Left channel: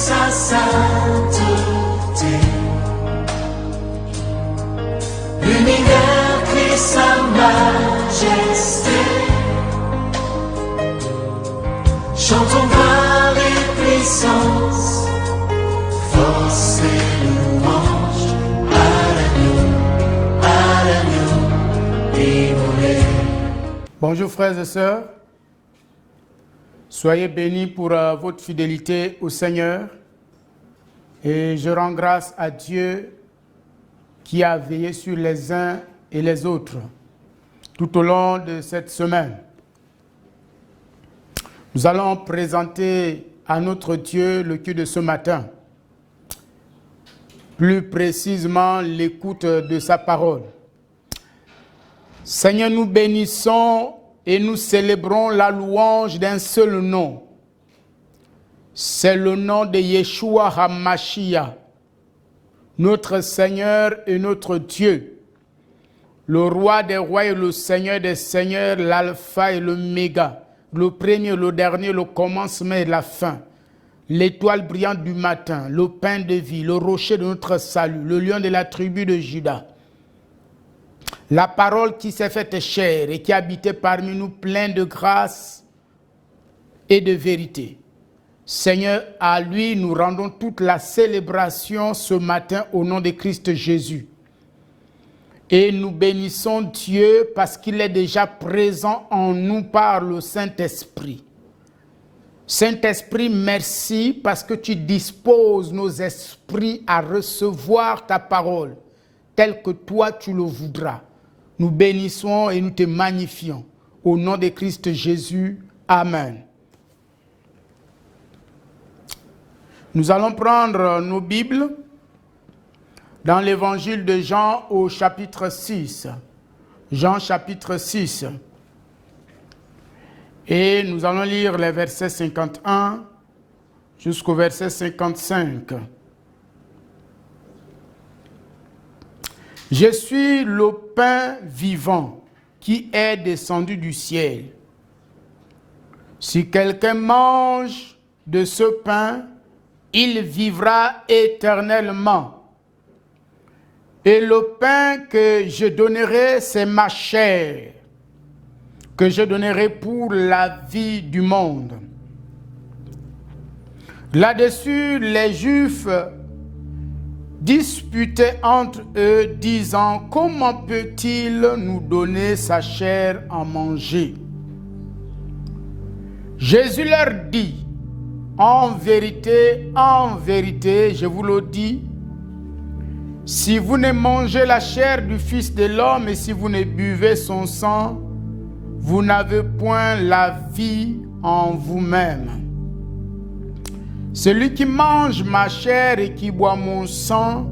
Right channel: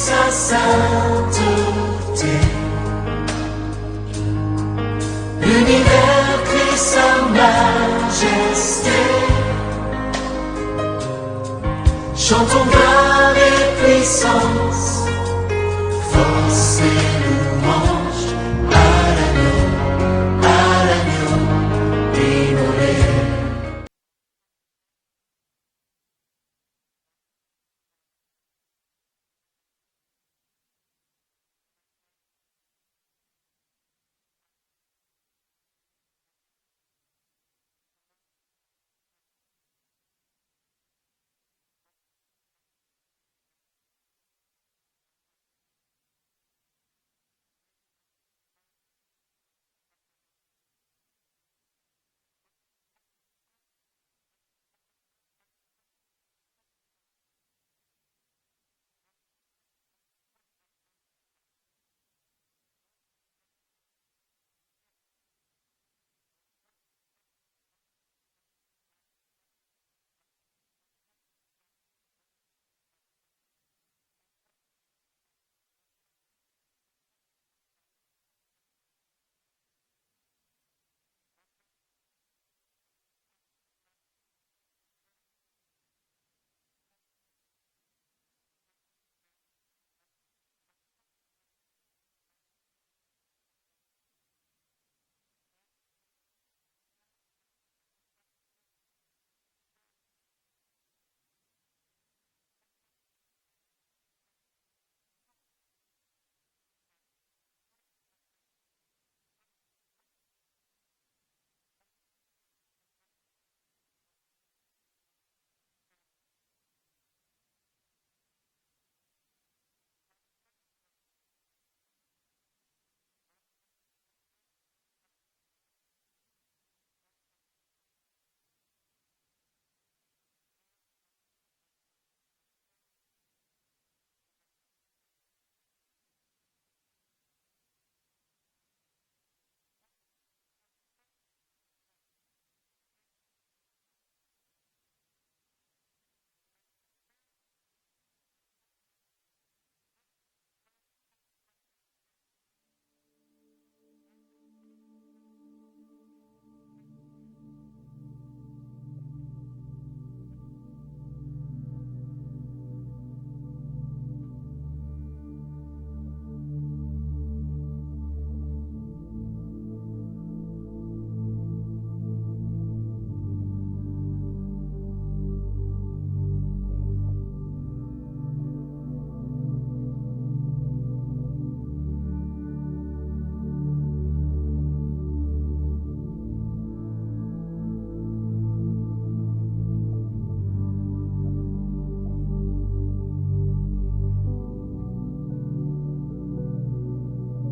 sa sainteté. L'univers crie sa majesté. Chantons gloire et puissance, force et louange à l'agneau immolé. Bonjour frères et sœurs, soyez bénis pour votre fidélité au Seigneur et je rends grâce à Dieu qui a veillé sur les uns et les autres tout au long de cette semaine. Nous allons présenter à notre Dieu le culte de ce matin, plus précisément l'écoute de sa parole. Seigneur, nous bénissons et nous célébrons la louange d'un seul nom. C'est le nom de Yeshua HaMashiach, notre Seigneur et notre Dieu, le roi des rois et le Seigneur des seigneurs, l'alpha et l'oméga, le premier, le dernier, le commencement et la fin, l'étoile brillante du matin, le pain de vie, le rocher de notre salut, le lion de la tribu de Juda. La parole qui s'est faite chair et qui habitait parmi nous plein de grâce et de vérité. Seigneur, à lui nous rendons toute la célébration ce matin au nom de Christ Jésus. Et nous bénissons Dieu parce qu'il est déjà présent en nous par le Saint-Esprit. Saint-Esprit, merci parce que tu disposes nos esprits à recevoir ta parole telle que toi tu le voudras. Nous bénissons et nous te magnifions. Au nom de Christ Jésus, Amen. Nous allons prendre nos Bibles dans l'évangile de Jean au chapitre 6. Jean chapitre 6. Et nous allons lire les versets 51 jusqu'au verset 55. Je suis le pain vivant qui est descendu du ciel. Si quelqu'un mange de ce pain, il vivra éternellement. Et le pain que je donnerai, c'est ma chair, que je donnerai pour la vie du monde. Là-dessus, les Juifs disputaient entre eux, disant, comment peut-il nous donner sa chair à manger? Jésus leur dit, en vérité, je vous le dis, si vous ne mangez la chair du Fils de l'homme et si vous ne buvez son sang, vous n'avez point la vie en vous-même. Celui qui mange ma chair et qui boit mon sang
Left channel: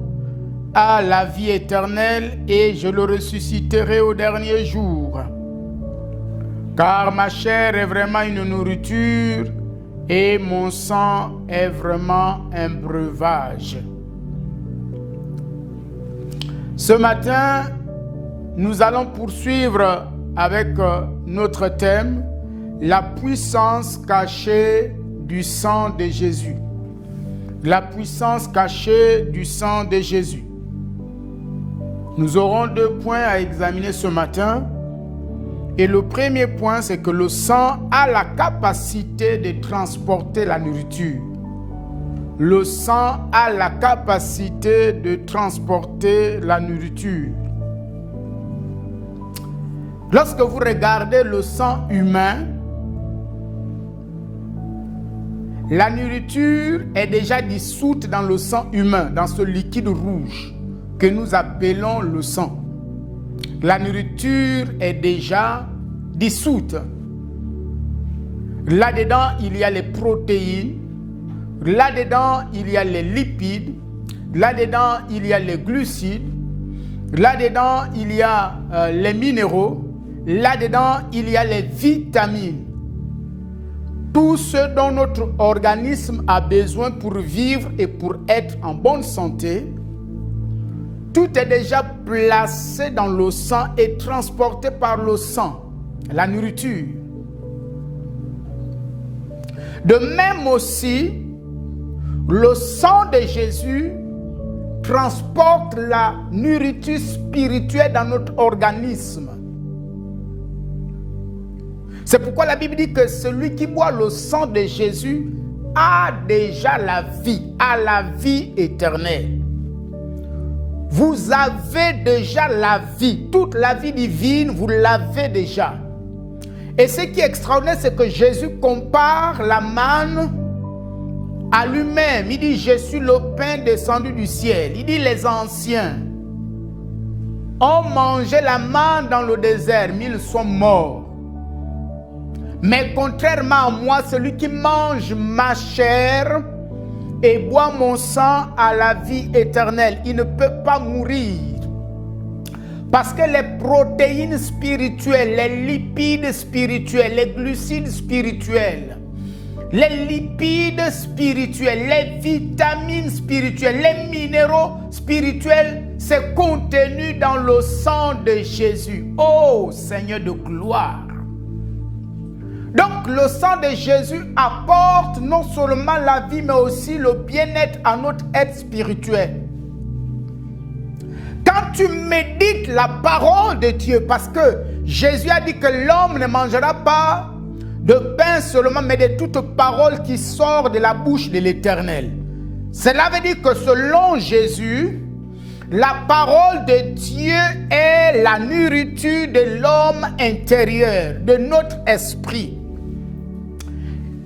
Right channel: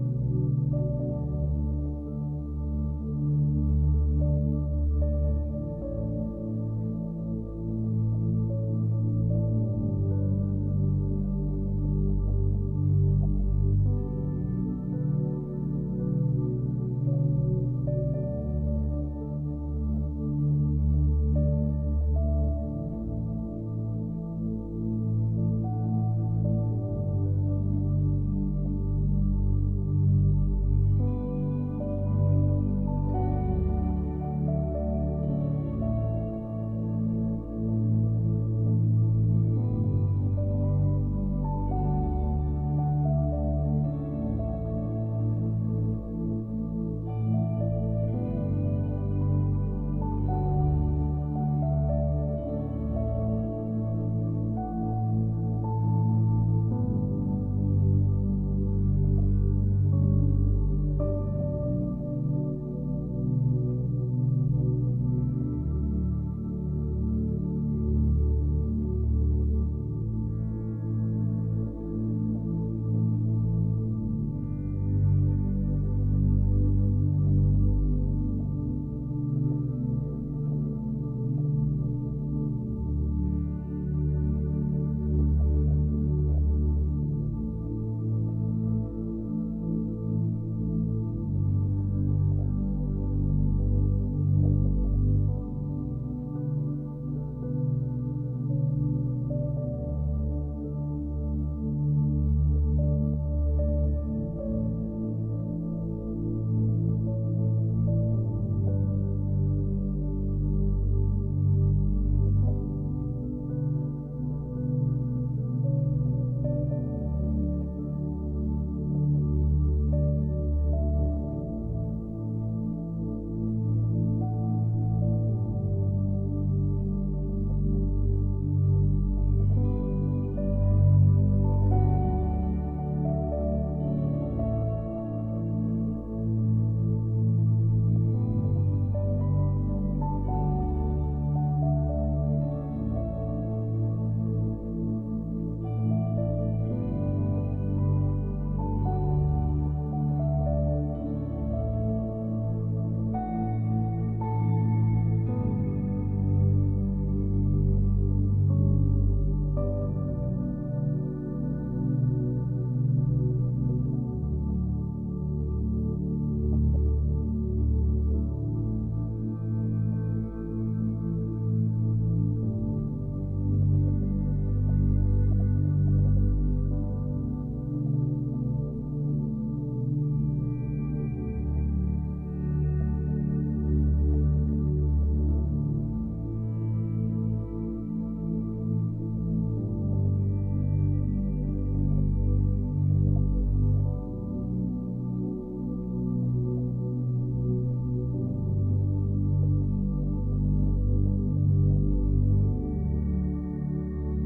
a la vie éternelle et je le ressusciterai au dernier jour. Car ma chair est vraiment une nourriture et mon sang est vraiment un breuvage. Ce matin, nous allons poursuivre avec notre thème, la puissance cachée du sang de Jésus. La puissance cachée du sang de Jésus. Nous aurons 2 points à examiner ce matin. Et le premier point, c'est que le sang a la capacité de transporter la nourriture. Le sang a la capacité de transporter la nourriture. Lorsque vous regardez le sang humain, la nourriture est déjà dissoute dans le sang humain, dans ce liquide rouge que nous appelons le sang. La nourriture est déjà dissoute. Là-dedans, il y a les protéines. Là-dedans, il y a les lipides. Là-dedans, il y a les glucides. Là-dedans, il y a les minéraux. Là-dedans, il y a les vitamines. Tout ce dont notre organisme a besoin pour vivre et pour être en bonne santé, tout est déjà placé dans le sang et transporté par le sang, la nourriture. De même aussi, le sang de Jésus transporte la nourriture spirituelle dans notre organisme. C'est pourquoi la Bible dit que celui qui boit le sang de Jésus a déjà la vie éternelle. Vous avez déjà la vie, toute la vie divine, vous l'avez déjà. Et ce qui est extraordinaire, c'est que Jésus compare la manne à lui-même. Il dit, je suis le pain descendu du ciel. Il dit, les anciens ont mangé la manne dans le désert, mais ils sont morts. Mais contrairement à moi, celui qui mange ma chair et boit mon sang a la vie éternelle. Il ne peut pas mourir. Parce que les protéines spirituelles, les lipides spirituels, les glucides spirituels, les lipides spirituels, les vitamines spirituelles, les minéraux spirituels, c'est contenu dans le sang de Jésus. Oh Seigneur de gloire! Donc le sang de Jésus apporte non seulement la vie, mais aussi le bien-être à notre être spirituel. Quand tu médites la parole de Dieu, parce que Jésus a dit que l'homme ne mangera pas de pain seulement, mais de toute parole qui sort de la bouche de l'Éternel. Cela veut dire que selon Jésus, la parole de Dieu est la nourriture de l'homme intérieur, de notre esprit.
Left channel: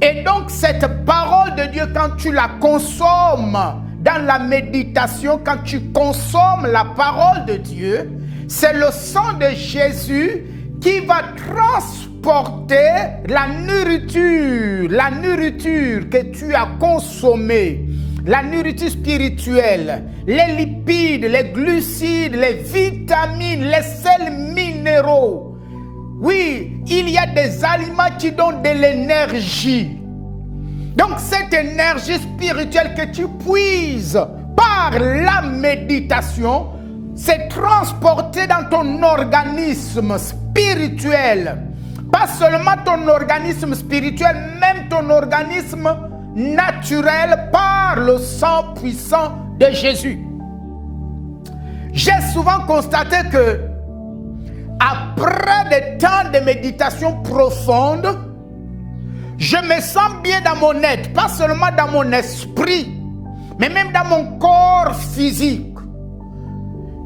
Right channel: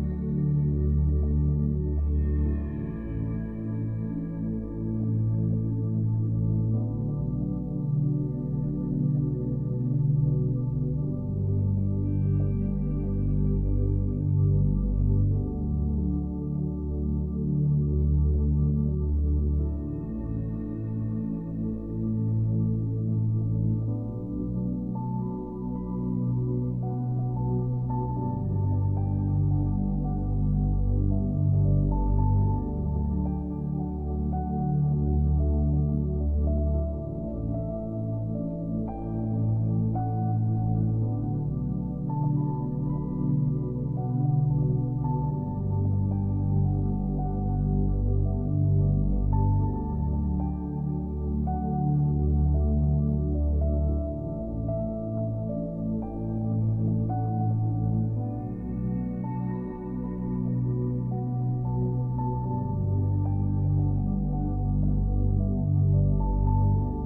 Et donc cette parole de Dieu, quand tu la consommes dans la méditation, quand tu consommes la parole de Dieu, c'est le sang de Jésus qui va transporter la nourriture que tu as consommée, la nourriture spirituelle, les lipides, les glucides, les vitamines, les sels minéraux. Oui, il y a des aliments qui donnent de l'énergie. Donc cette énergie spirituelle que tu puises par la méditation, c'est transporté dans ton organisme spirituel. Pas seulement ton organisme spirituel, même ton organisme naturel par le sang puissant de Jésus. J'ai souvent constaté que après des temps de méditation profonde, je me sens bien dans mon être, pas seulement dans mon esprit, mais même dans mon corps physique.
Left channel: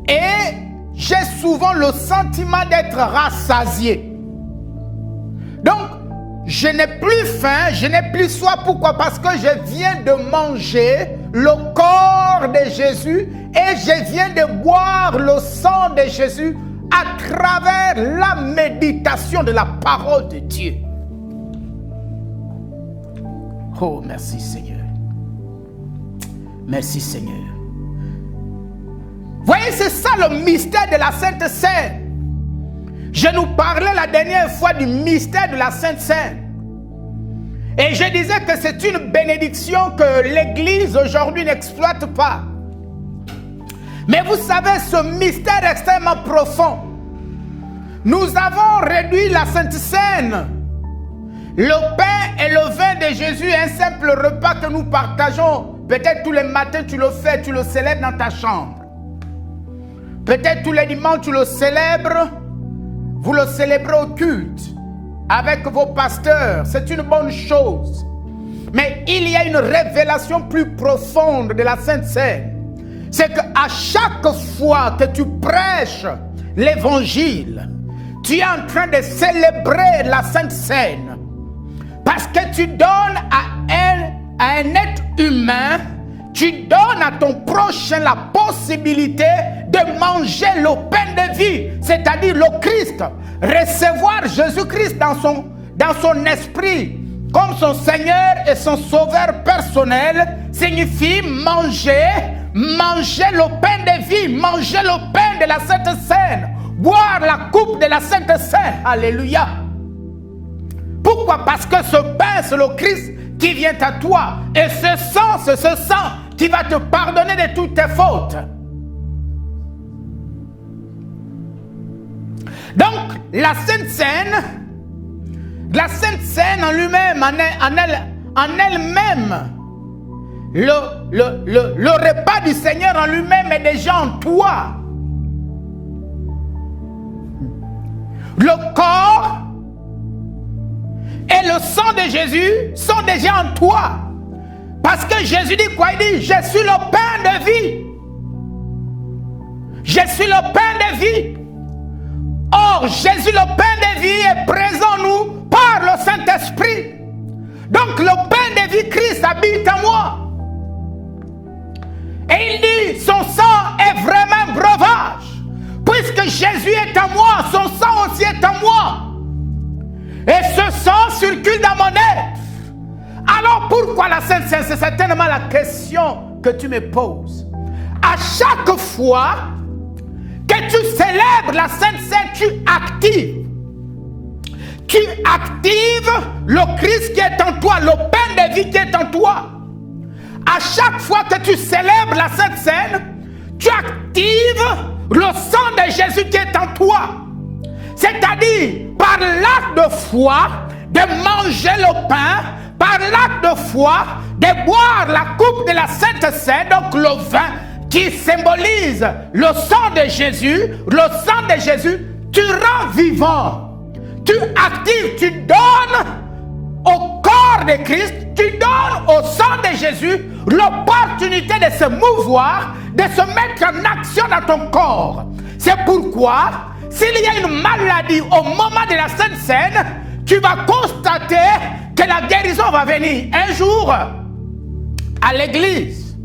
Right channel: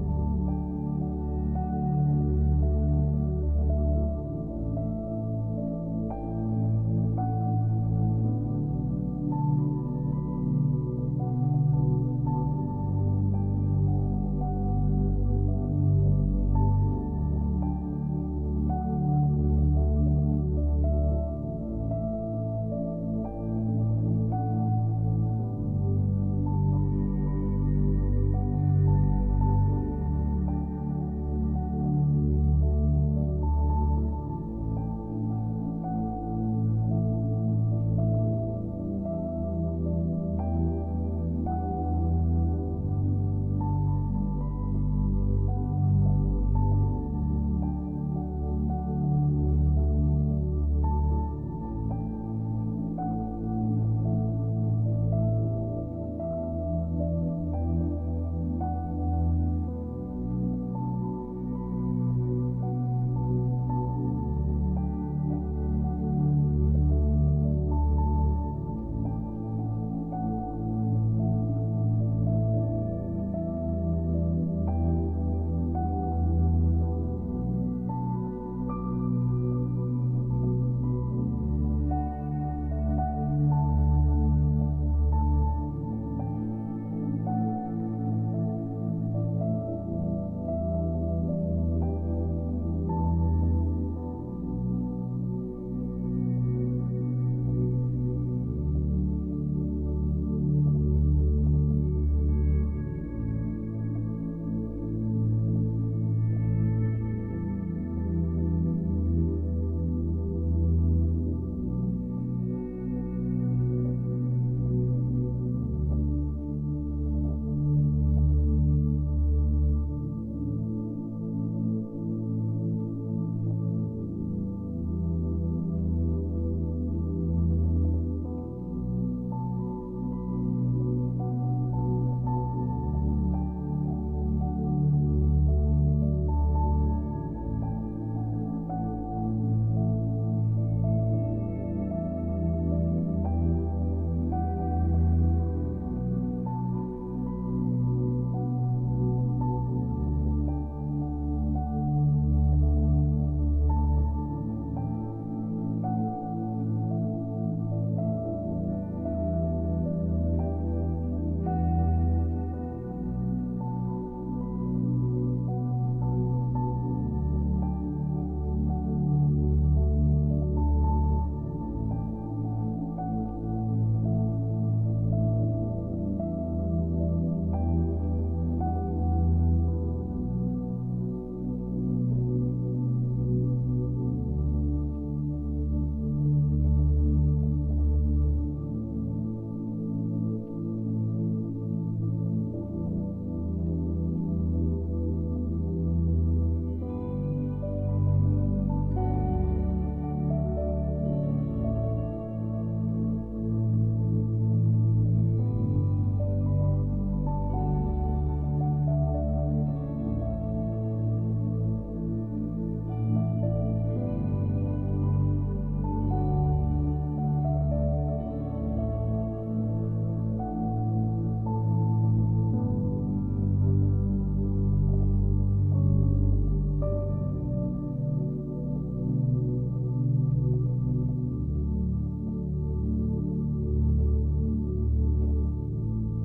Et j'ai souvent le sentiment d'être rassasié. Donc, je n'ai plus faim, je n'ai plus soif. Pourquoi? Parce que je viens de manger le corps de Jésus et je viens de boire le sang de Jésus à travers la méditation de la parole de Dieu. Oh, merci Seigneur. Merci Seigneur. Voyez, c'est ça le mystère de la Sainte Seine. Je nous parlais la dernière fois du mystère de la Sainte Seine. Et je disais que c'est une bénédiction que l'Église aujourd'hui n'exploite pas. Mais vous savez, ce mystère extrêmement profond, nous avons réduit la Sainte Seine, le pain et le vin de Jésus, un simple repas que nous partageons. Peut-être tous les matins tu le fais, tu le célèbres dans ta chambre. Peut-être tous les dimanches tu le célèbres, vous le célébrez au culte avec vos pasteurs. C'est une bonne chose. Mais il y a une révélation plus profonde de la Sainte Seine. C'est qu'à chaque fois que tu prêches l'évangile, tu es en train de célébrer la Sainte Seine. Parce que tu donnes à un être humain, tu donnes à ton prochain la possibilité de manger le pain de vie, c'est-à-dire le Christ. Recevoir Jésus-Christ dans son esprit comme son Seigneur et son Sauveur personnel signifie manger le pain de vie, manger le pain de la Sainte Seine, boire la coupe de la Sainte Seine. Alléluia. Pourquoi? Parce que ce pain, c'est le Christ qui vient à toi. Et ce sang, c'est ce sang qui va te pardonner de toutes tes fautes. Donc, la Sainte Seine en lui-même, en elle-même, le repas du Seigneur en lui-même est déjà en toi. Le corps et le sang de Jésus sont déjà en toi. Parce que Jésus dit quoi? Il dit, je suis le pain de vie. Je suis le pain de vie. Or, Jésus, le pain de vie, est présent en nous par le Saint-Esprit. Donc, le pain de vie, Christ, habite en moi. Et il dit, son sang est vraiment un breuvage. Puisque Jésus est en moi, son sang aussi est en moi. Et ce sang circule dans mon être. Alors pourquoi la Sainte Seine? C'est certainement la question que tu me poses. À chaque fois que tu célèbres la Sainte Seine, tu actives le Christ qui est en toi, le pain de vie qui est en toi. À chaque fois que tu célèbres la Sainte Seine, tu actives le sang de Jésus qui est en toi. C'est-à-dire, par l'acte de foi, de manger le pain, par l'acte de foi, de boire la coupe de la Sainte Seine, donc le vin qui symbolise le sang de Jésus, tu rends vivant. Tu actives, tu donnes au corps de Christ, tu donnes au sang de Jésus l'opportunité de se mouvoir, de se mettre en action dans ton corps. C'est pourquoi, s'il y a une maladie au moment de la Sainte Seine, tu vas constater que la guérison va venir. Un jour, à l'église,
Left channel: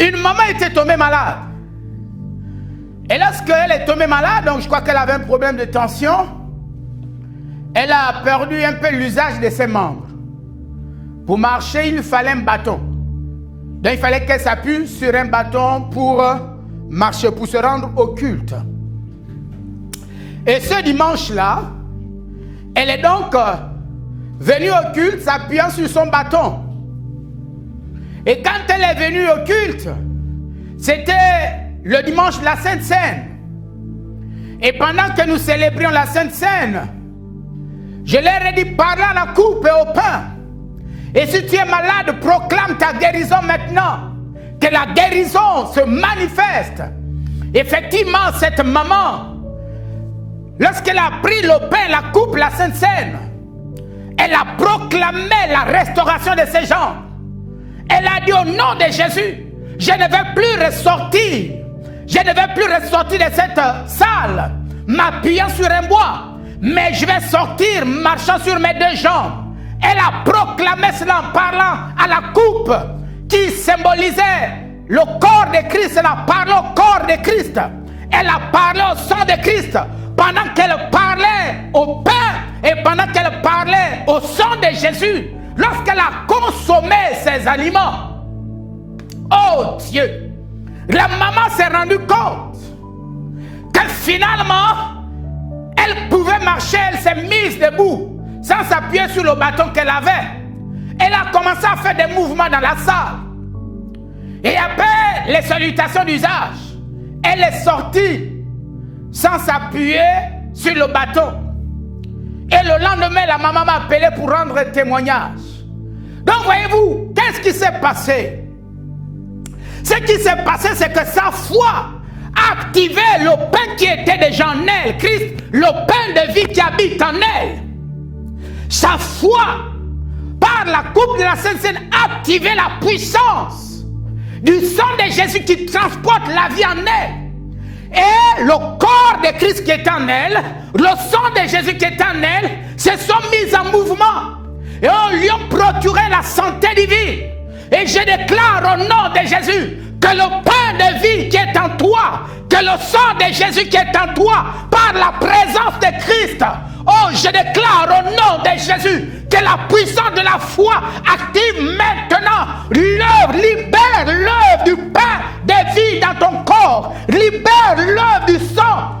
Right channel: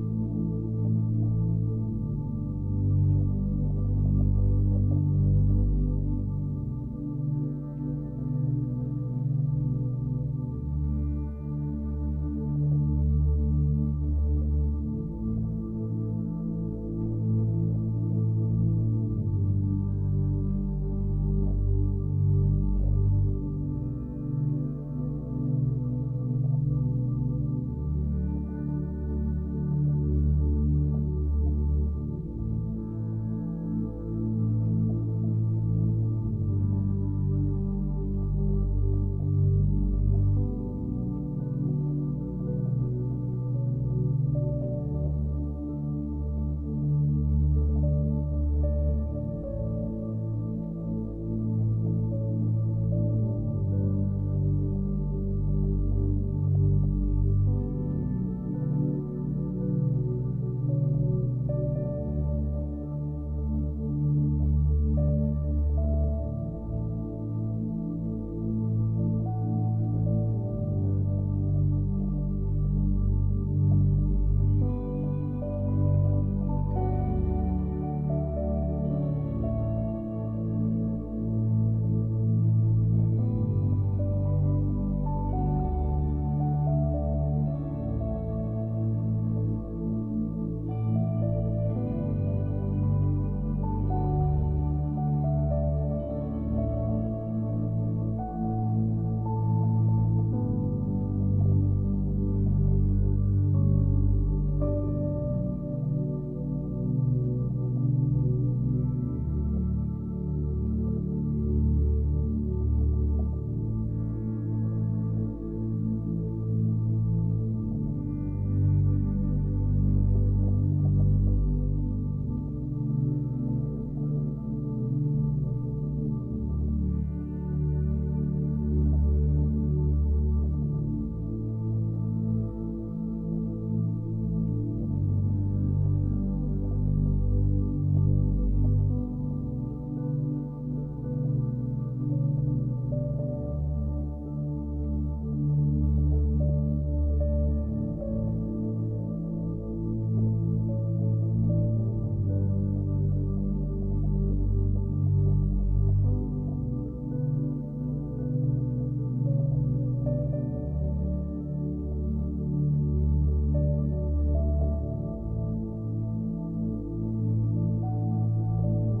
une maman était tombée malade. Et lorsqu'elle est tombée malade, donc je crois qu'elle avait un problème de tension, elle a perdu un peu l'usage de ses membres. Pour marcher, il fallait un bâton. Donc il fallait qu'elle s'appuie sur un bâton pour marcher, pour se rendre au culte. Et ce dimanche-là, elle est donc venue au culte s'appuyant sur son bâton. Et quand elle est venue au culte, c'était le dimanche de la Sainte Seine. Et pendant que nous célébrions la Sainte Seine, je leur ai dit, parlez à la coupe et au pain. Et si tu es malade, proclame ta guérison maintenant. Que la guérison se manifeste. Effectivement, cette maman, lorsqu'elle a pris le pain, la coupe, la Sainte Seine, elle a proclamé la restauration de ses jambes. Elle a dit au nom de Jésus, je ne vais plus ressortir. Je ne vais plus ressortir de cette salle, m'appuyant sur un bois, mais je vais sortir marchant sur mes deux jambes. Elle a proclamé cela en parlant à la coupe qui symbolisait le corps de Christ. Elle a parlé au corps de Christ. Elle a parlé au sang de Christ. Pendant qu'elle parlait au pain et pendant qu'elle parlait au sang de Jésus, lorsqu'elle a consommé ces aliments, oh Dieu, la maman s'est rendue compte que finalement, elle pouvait marcher, elle s'est mise debout sans s'appuyer sur le bâton qu'elle avait. Elle a commencé à faire des mouvements dans la salle. Et après les salutations d'usage, elle est sortie sans s'appuyer sur le bâton. Et le lendemain, la maman m'a appelé pour rendre témoignage. Donc voyez-vous, qu'est-ce qui s'est passé? Ce qui s'est passé, c'est que sa foi a activé le pain qui était déjà en elle, Christ, le pain de vie qui habite en elle. Sa foi, par la coupe de la Sainte Seine, a activé la puissance du sang de Jésus qui transporte la vie en elle. Et le corps de Christ qui est en elle, le sang de Jésus qui est en elle, se sont mis en mouvement et lui ont procuré la santé divine. Et je déclare au nom de Jésus que le pain de vie qui est en toi, que le sang de Jésus qui est en toi, par la présence de Christ, oh, je déclare au nom de Jésus que la puissance de la foi active maintenant l'œuvre, libère l'œuvre du pain de vie dans ton corps, libère l'œuvre du sang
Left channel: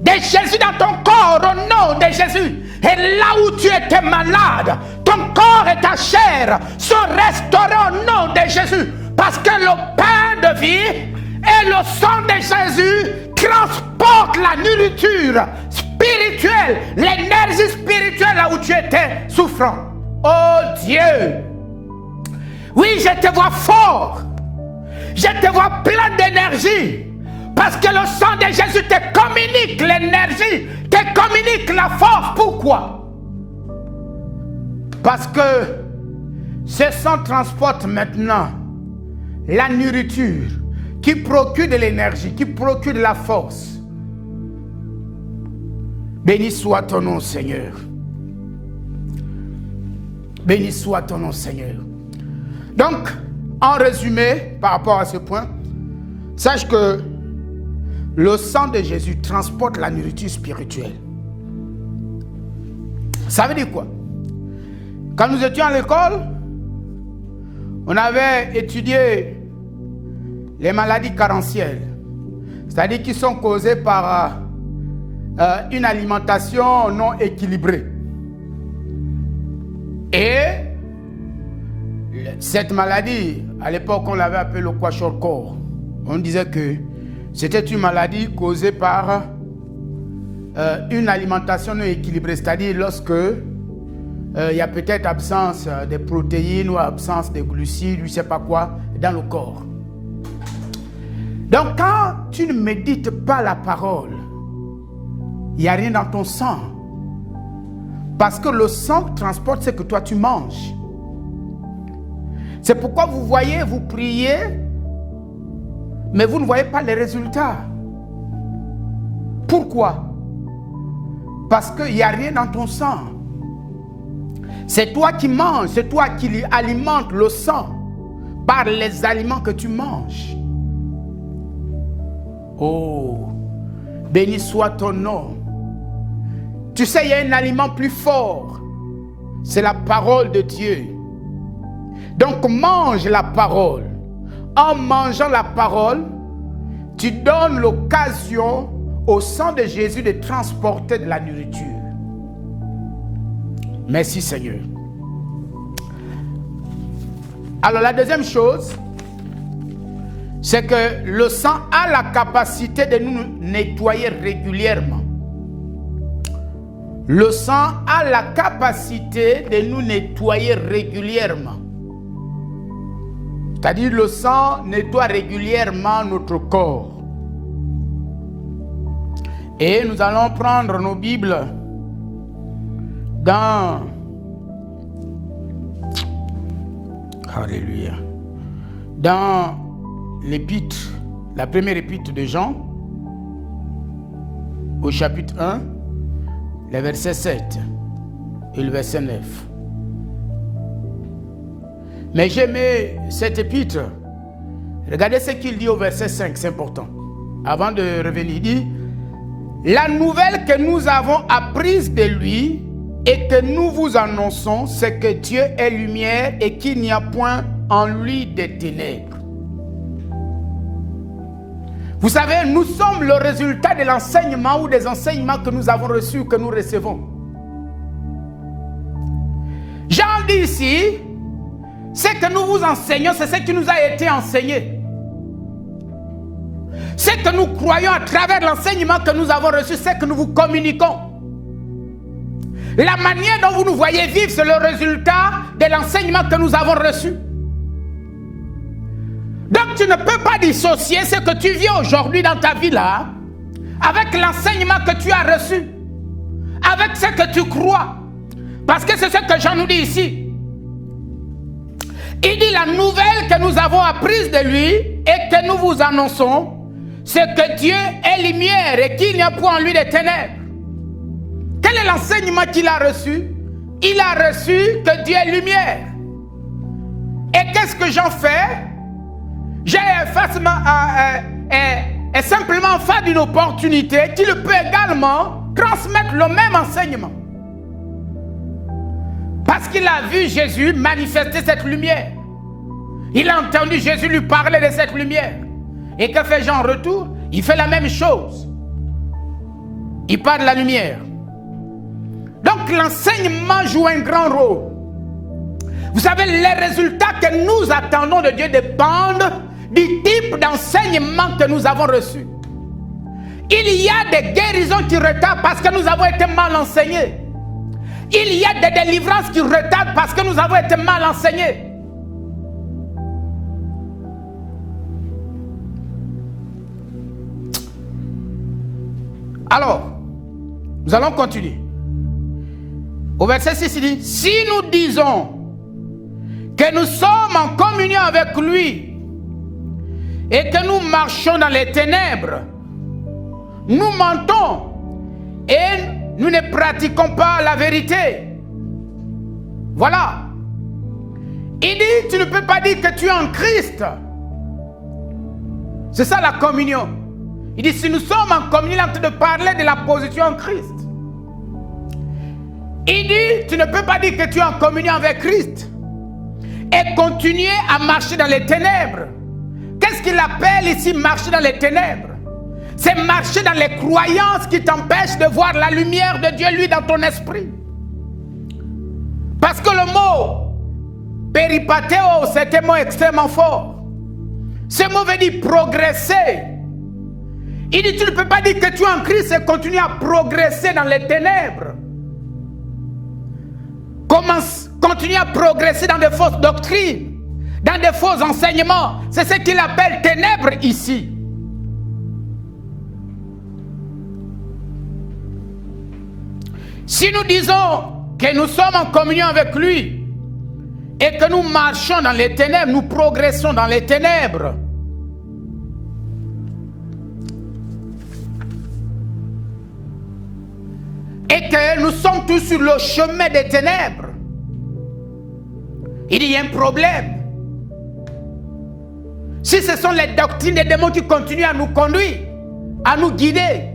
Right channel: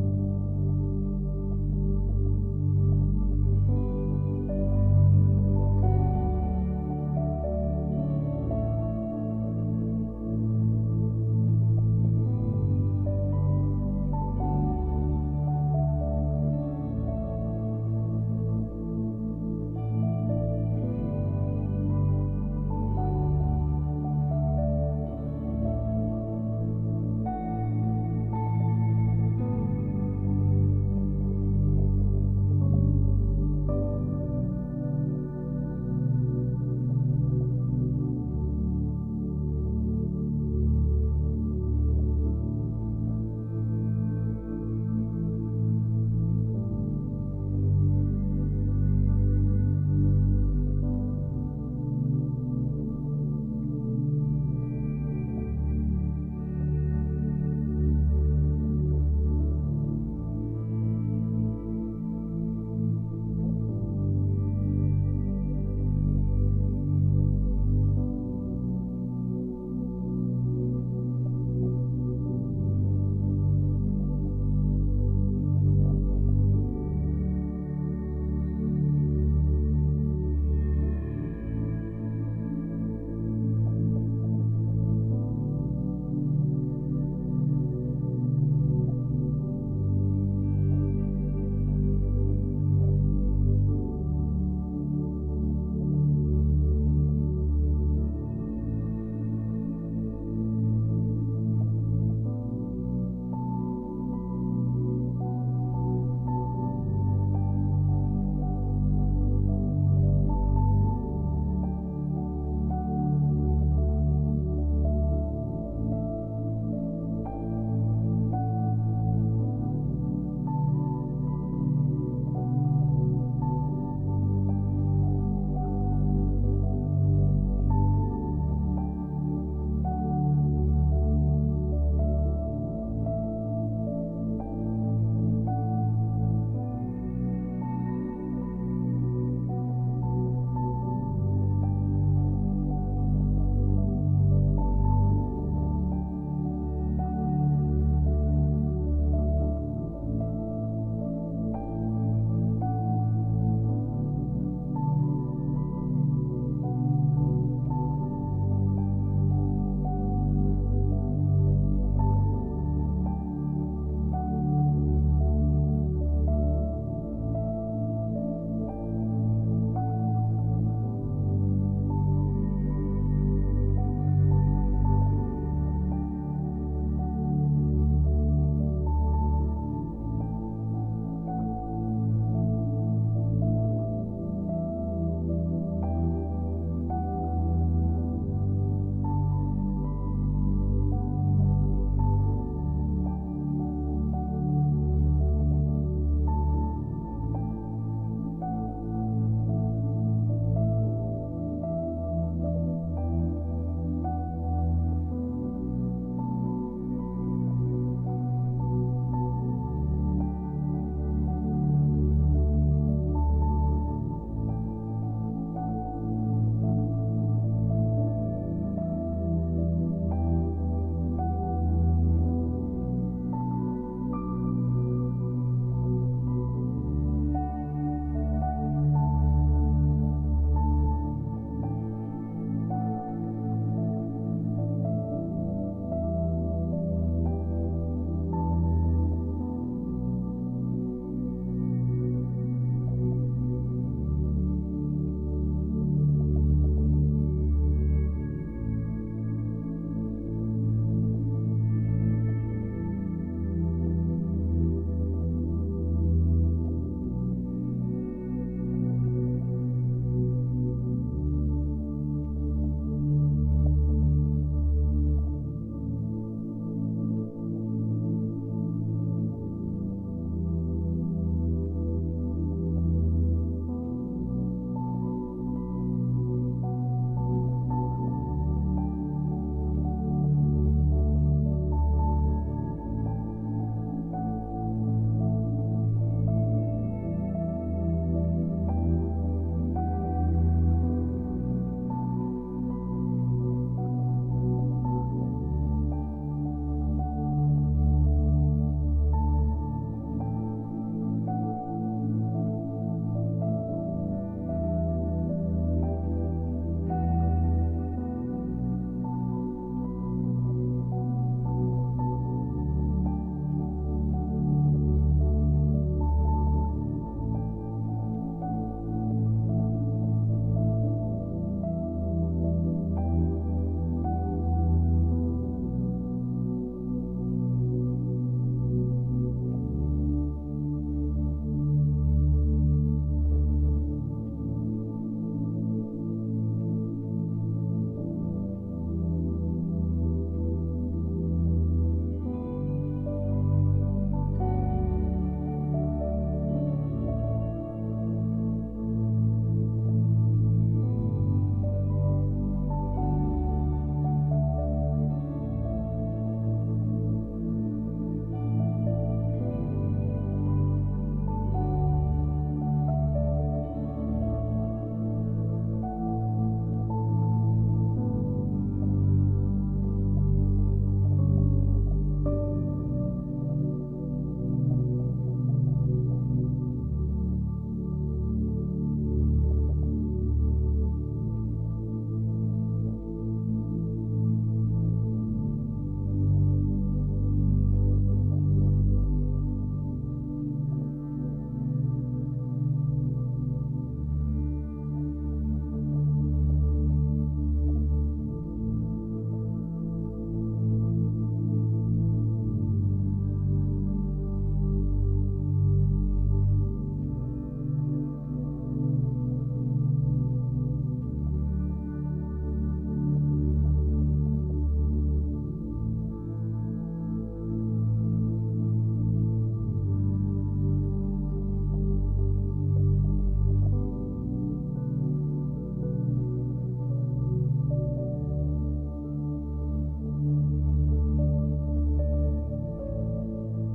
de Jésus dans ton corps au nom de Jésus. Et là où tu étais malade, ton corps et ta chair sont restaurés au nom de Jésus. Parce que le pain de vie et le sang de Jésus transportent la nourriture spirituelle, l'énergie spirituelle là où tu étais souffrant. Oh Dieu! Oui, je te vois fort. Je te vois plein d'énergie. Parce que le sang de Jésus te communique l'énergie, te communique la force. Pourquoi? Parce que ce sang transporte maintenant la nourriture qui procure de l'énergie, qui procure de la force. Béni soit ton nom, Seigneur. Béni soit ton nom, Seigneur. Donc, en résumé, par rapport à ce point, sache que le sang de Jésus transporte la nourriture spirituelle. Ça veut dire quoi? Quand nous étions à l'école, on avait étudié les maladies carentielles, c'est-à-dire qui sont causées par une alimentation non équilibrée. Et cette maladie, à l'époque, on l'avait appelée le kwashiorkor. On disait que c'était une maladie causée par une alimentation non équilibrée, c'est-à-dire lorsque il y a peut-être absence de protéines ou absence de glucides, je ne sais pas quoi, dans le corps. Donc quand tu ne médites pas la parole, il n'y a rien dans ton sang. Parce que le sang transporte ce que toi tu manges. C'est pourquoi vous voyez, vous priez, mais vous ne voyez pas les résultats. Pourquoi? Parce qu'il n'y a rien dans ton sang. C'est toi qui manges, c'est toi qui alimentes le sang par les aliments que tu manges. Oh, béni soit ton nom. Tu sais, il y a un aliment plus fort. C'est la parole de Dieu. Donc mange la parole. En mangeant la parole, tu donnes l'occasion au sang de Jésus de transporter de la nourriture. Merci Seigneur. Alors la deuxième chose, c'est que le sang a la capacité de nous nettoyer régulièrement. Le sang a la capacité de nous nettoyer régulièrement. C'est-à-dire le sang nettoie régulièrement notre corps. Et nous allons prendre nos Bibles dans Alléluia. Dans l'épître, la première épître de Jean, au chapitre 1, le verset 7 et le verset 9. Mais j'aimais cette épître. Regardez ce qu'il dit au verset 5, c'est important. Avant de revenir, il dit: la nouvelle que nous avons apprise de lui et que nous vous annonçons, c'est que Dieu est lumière et qu'il n'y a point en lui de ténèbres. Vous savez, nous sommes le résultat de l'enseignement ou des enseignements que nous avons reçus, que nous recevons. Jean dit ici, ce que nous vous enseignons, c'est ce qui nous a été enseigné. Ce que nous croyons à travers l'enseignement que nous avons reçu, c'est que nous vous communiquons. La manière dont vous nous voyez vivre, c'est le résultat de l'enseignement que nous avons reçu. Donc tu ne peux pas dissocier ce que tu vis aujourd'hui dans ta vie là avec l'enseignement que tu as reçu, avec ce que tu crois. Parce que c'est ce que Jean nous dit ici. Il dit la nouvelle que nous avons apprise de lui et que nous vous annonçons, c'est que Dieu est lumière et qu'il n'y a point en lui de ténèbres. Quel est l'enseignement qu'il a reçu? Il a reçu que Dieu est lumière. Et qu'est-ce que j'en fais? J'ai simplement fait d'une opportunité qu'il peut également transmettre le même enseignement. Parce qu'il a vu Jésus manifester cette lumière. Il a entendu Jésus lui parler de cette lumière. Et que fait Jean en retour? Il fait la même chose. Il parle de la lumière. Donc l'enseignement joue un grand rôle. Vous savez, les résultats que nous attendons de Dieu dépendent du type d'enseignement que nous avons reçu. Il y a des guérisons qui retardent parce que nous avons été mal enseignés. Il y a des délivrances qui retardent parce que nous avons été mal enseignés. Alors, nous allons continuer. Au verset 6, il dit, si nous disons que nous sommes en communion avec lui et que nous marchons dans les ténèbres, nous mentons et nous ne pratiquons pas la vérité. Voilà. Il dit, tu ne peux pas dire que tu es en Christ. C'est ça la communion. Il dit, si nous sommes en communion, il est en train de parler de la position en Christ. Il dit, tu ne peux pas dire que tu es en communion avec Christ et continuer à marcher dans les ténèbres. Qu'est-ce qu'il appelle ici marcher dans les ténèbres? C'est marcher dans les croyances qui t'empêchent de voir la lumière de Dieu, lui, dans ton esprit. Parce que le mot péripateo, c'est un mot extrêmement fort. Ce mot veut dire progresser. Il dit, tu ne peux pas dire que tu es en Christ et continuer à progresser dans les ténèbres. Continuer à progresser dans de fausses doctrines, dans de faux enseignements. C'est ce qu'il appelle ténèbres ici. Si nous disons que nous sommes en communion avec lui et que nous marchons dans les ténèbres, nous progressons dans les ténèbres, et que nous sommes tous sur le chemin des ténèbres, il y a un problème. Si ce sont les doctrines des démons qui continuent à nous conduire, à nous guider.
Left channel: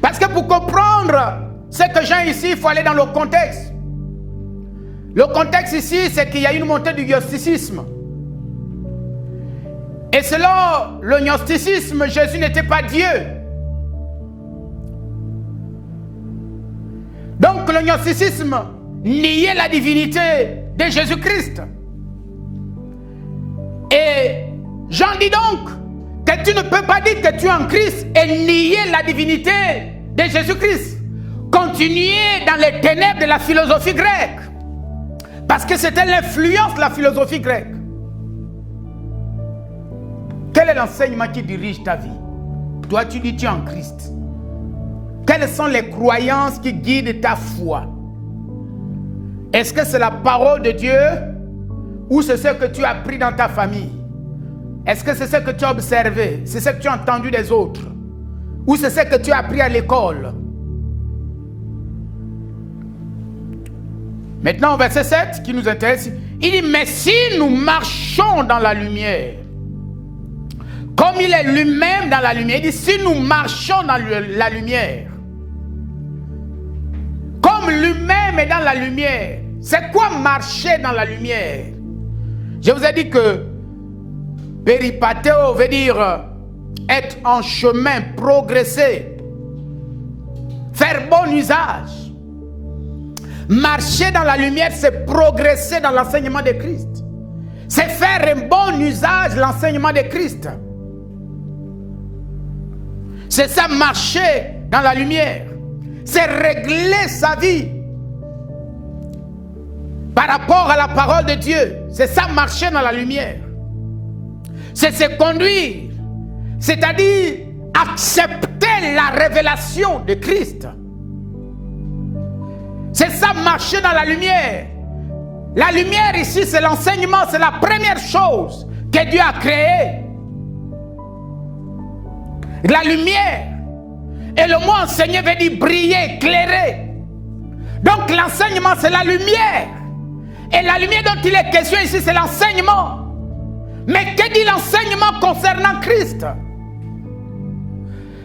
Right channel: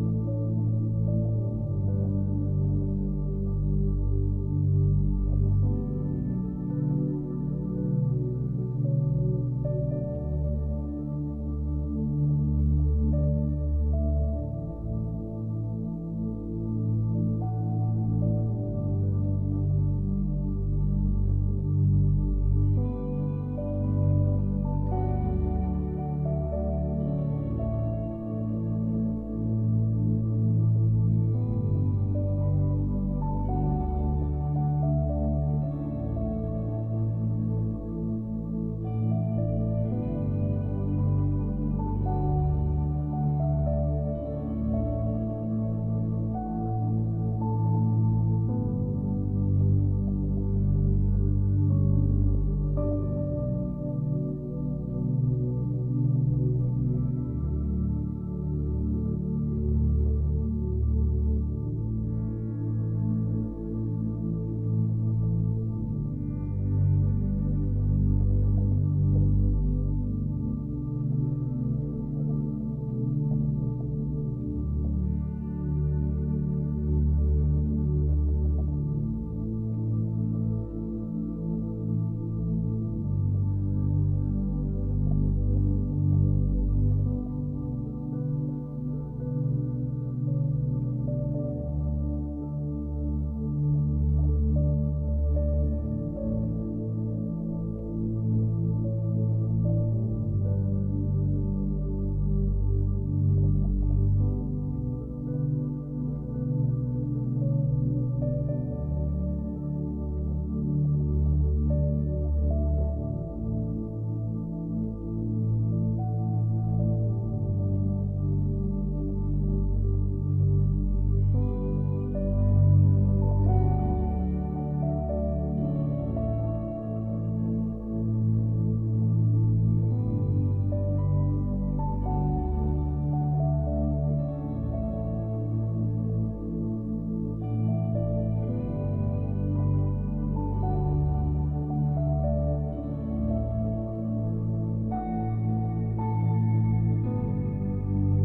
Parce que pour comprendre ce que j'ai ici, il faut aller dans le contexte. Le contexte ici, c'est qu'il y a une montée du gnosticisme. Et selon le gnosticisme, Jésus n'était pas Dieu. Donc le gnosticisme niait la divinité de Jésus-Christ. Et Jean dit donc que tu ne peux pas dire que tu es en Christ et nier la divinité de Jésus-Christ. Continuer dans les ténèbres de la philosophie grecque. Parce que c'était l'influence de la philosophie grecque. Quel est l'enseignement qui dirige ta vie? Toi, tu dis tu es en Christ. Quelles sont les croyances qui guident ta foi? Est-ce que c'est la parole de Dieu ou c'est ce que tu as appris dans ta famille? Est-ce que c'est ce que tu as observé? C'est ce que tu as entendu des autres? Ou c'est ce que tu as appris à l'école? Maintenant, au verset 7 qui nous intéresse, il dit, mais si nous marchons dans la lumière, comme il est lui-même dans la lumière, il dit, si nous marchons dans la lumière, comme lui-même est dans la lumière, c'est quoi marcher dans la lumière? Je vous ai dit que péripateo veut dire être en chemin, progresser, faire bon usage. Marcher dans la lumière, c'est progresser dans l'enseignement de Christ. C'est faire un bon usage de l'enseignement de Christ. C'est ça, marcher dans la lumière. C'est régler sa vie par rapport à la parole de Dieu. C'est ça, marcher dans la lumière. C'est se conduire, c'est-à-dire accepter la révélation de Christ. C'est ça, marcher dans la lumière. La lumière ici, c'est l'enseignement, c'est la première chose que Dieu a créée. La lumière. Et le mot enseigner veut dire briller, éclairer. Donc l'enseignement, c'est la lumière. Et la lumière dont il est question ici, c'est l'enseignement. Mais que dit l'enseignement concernant Christ?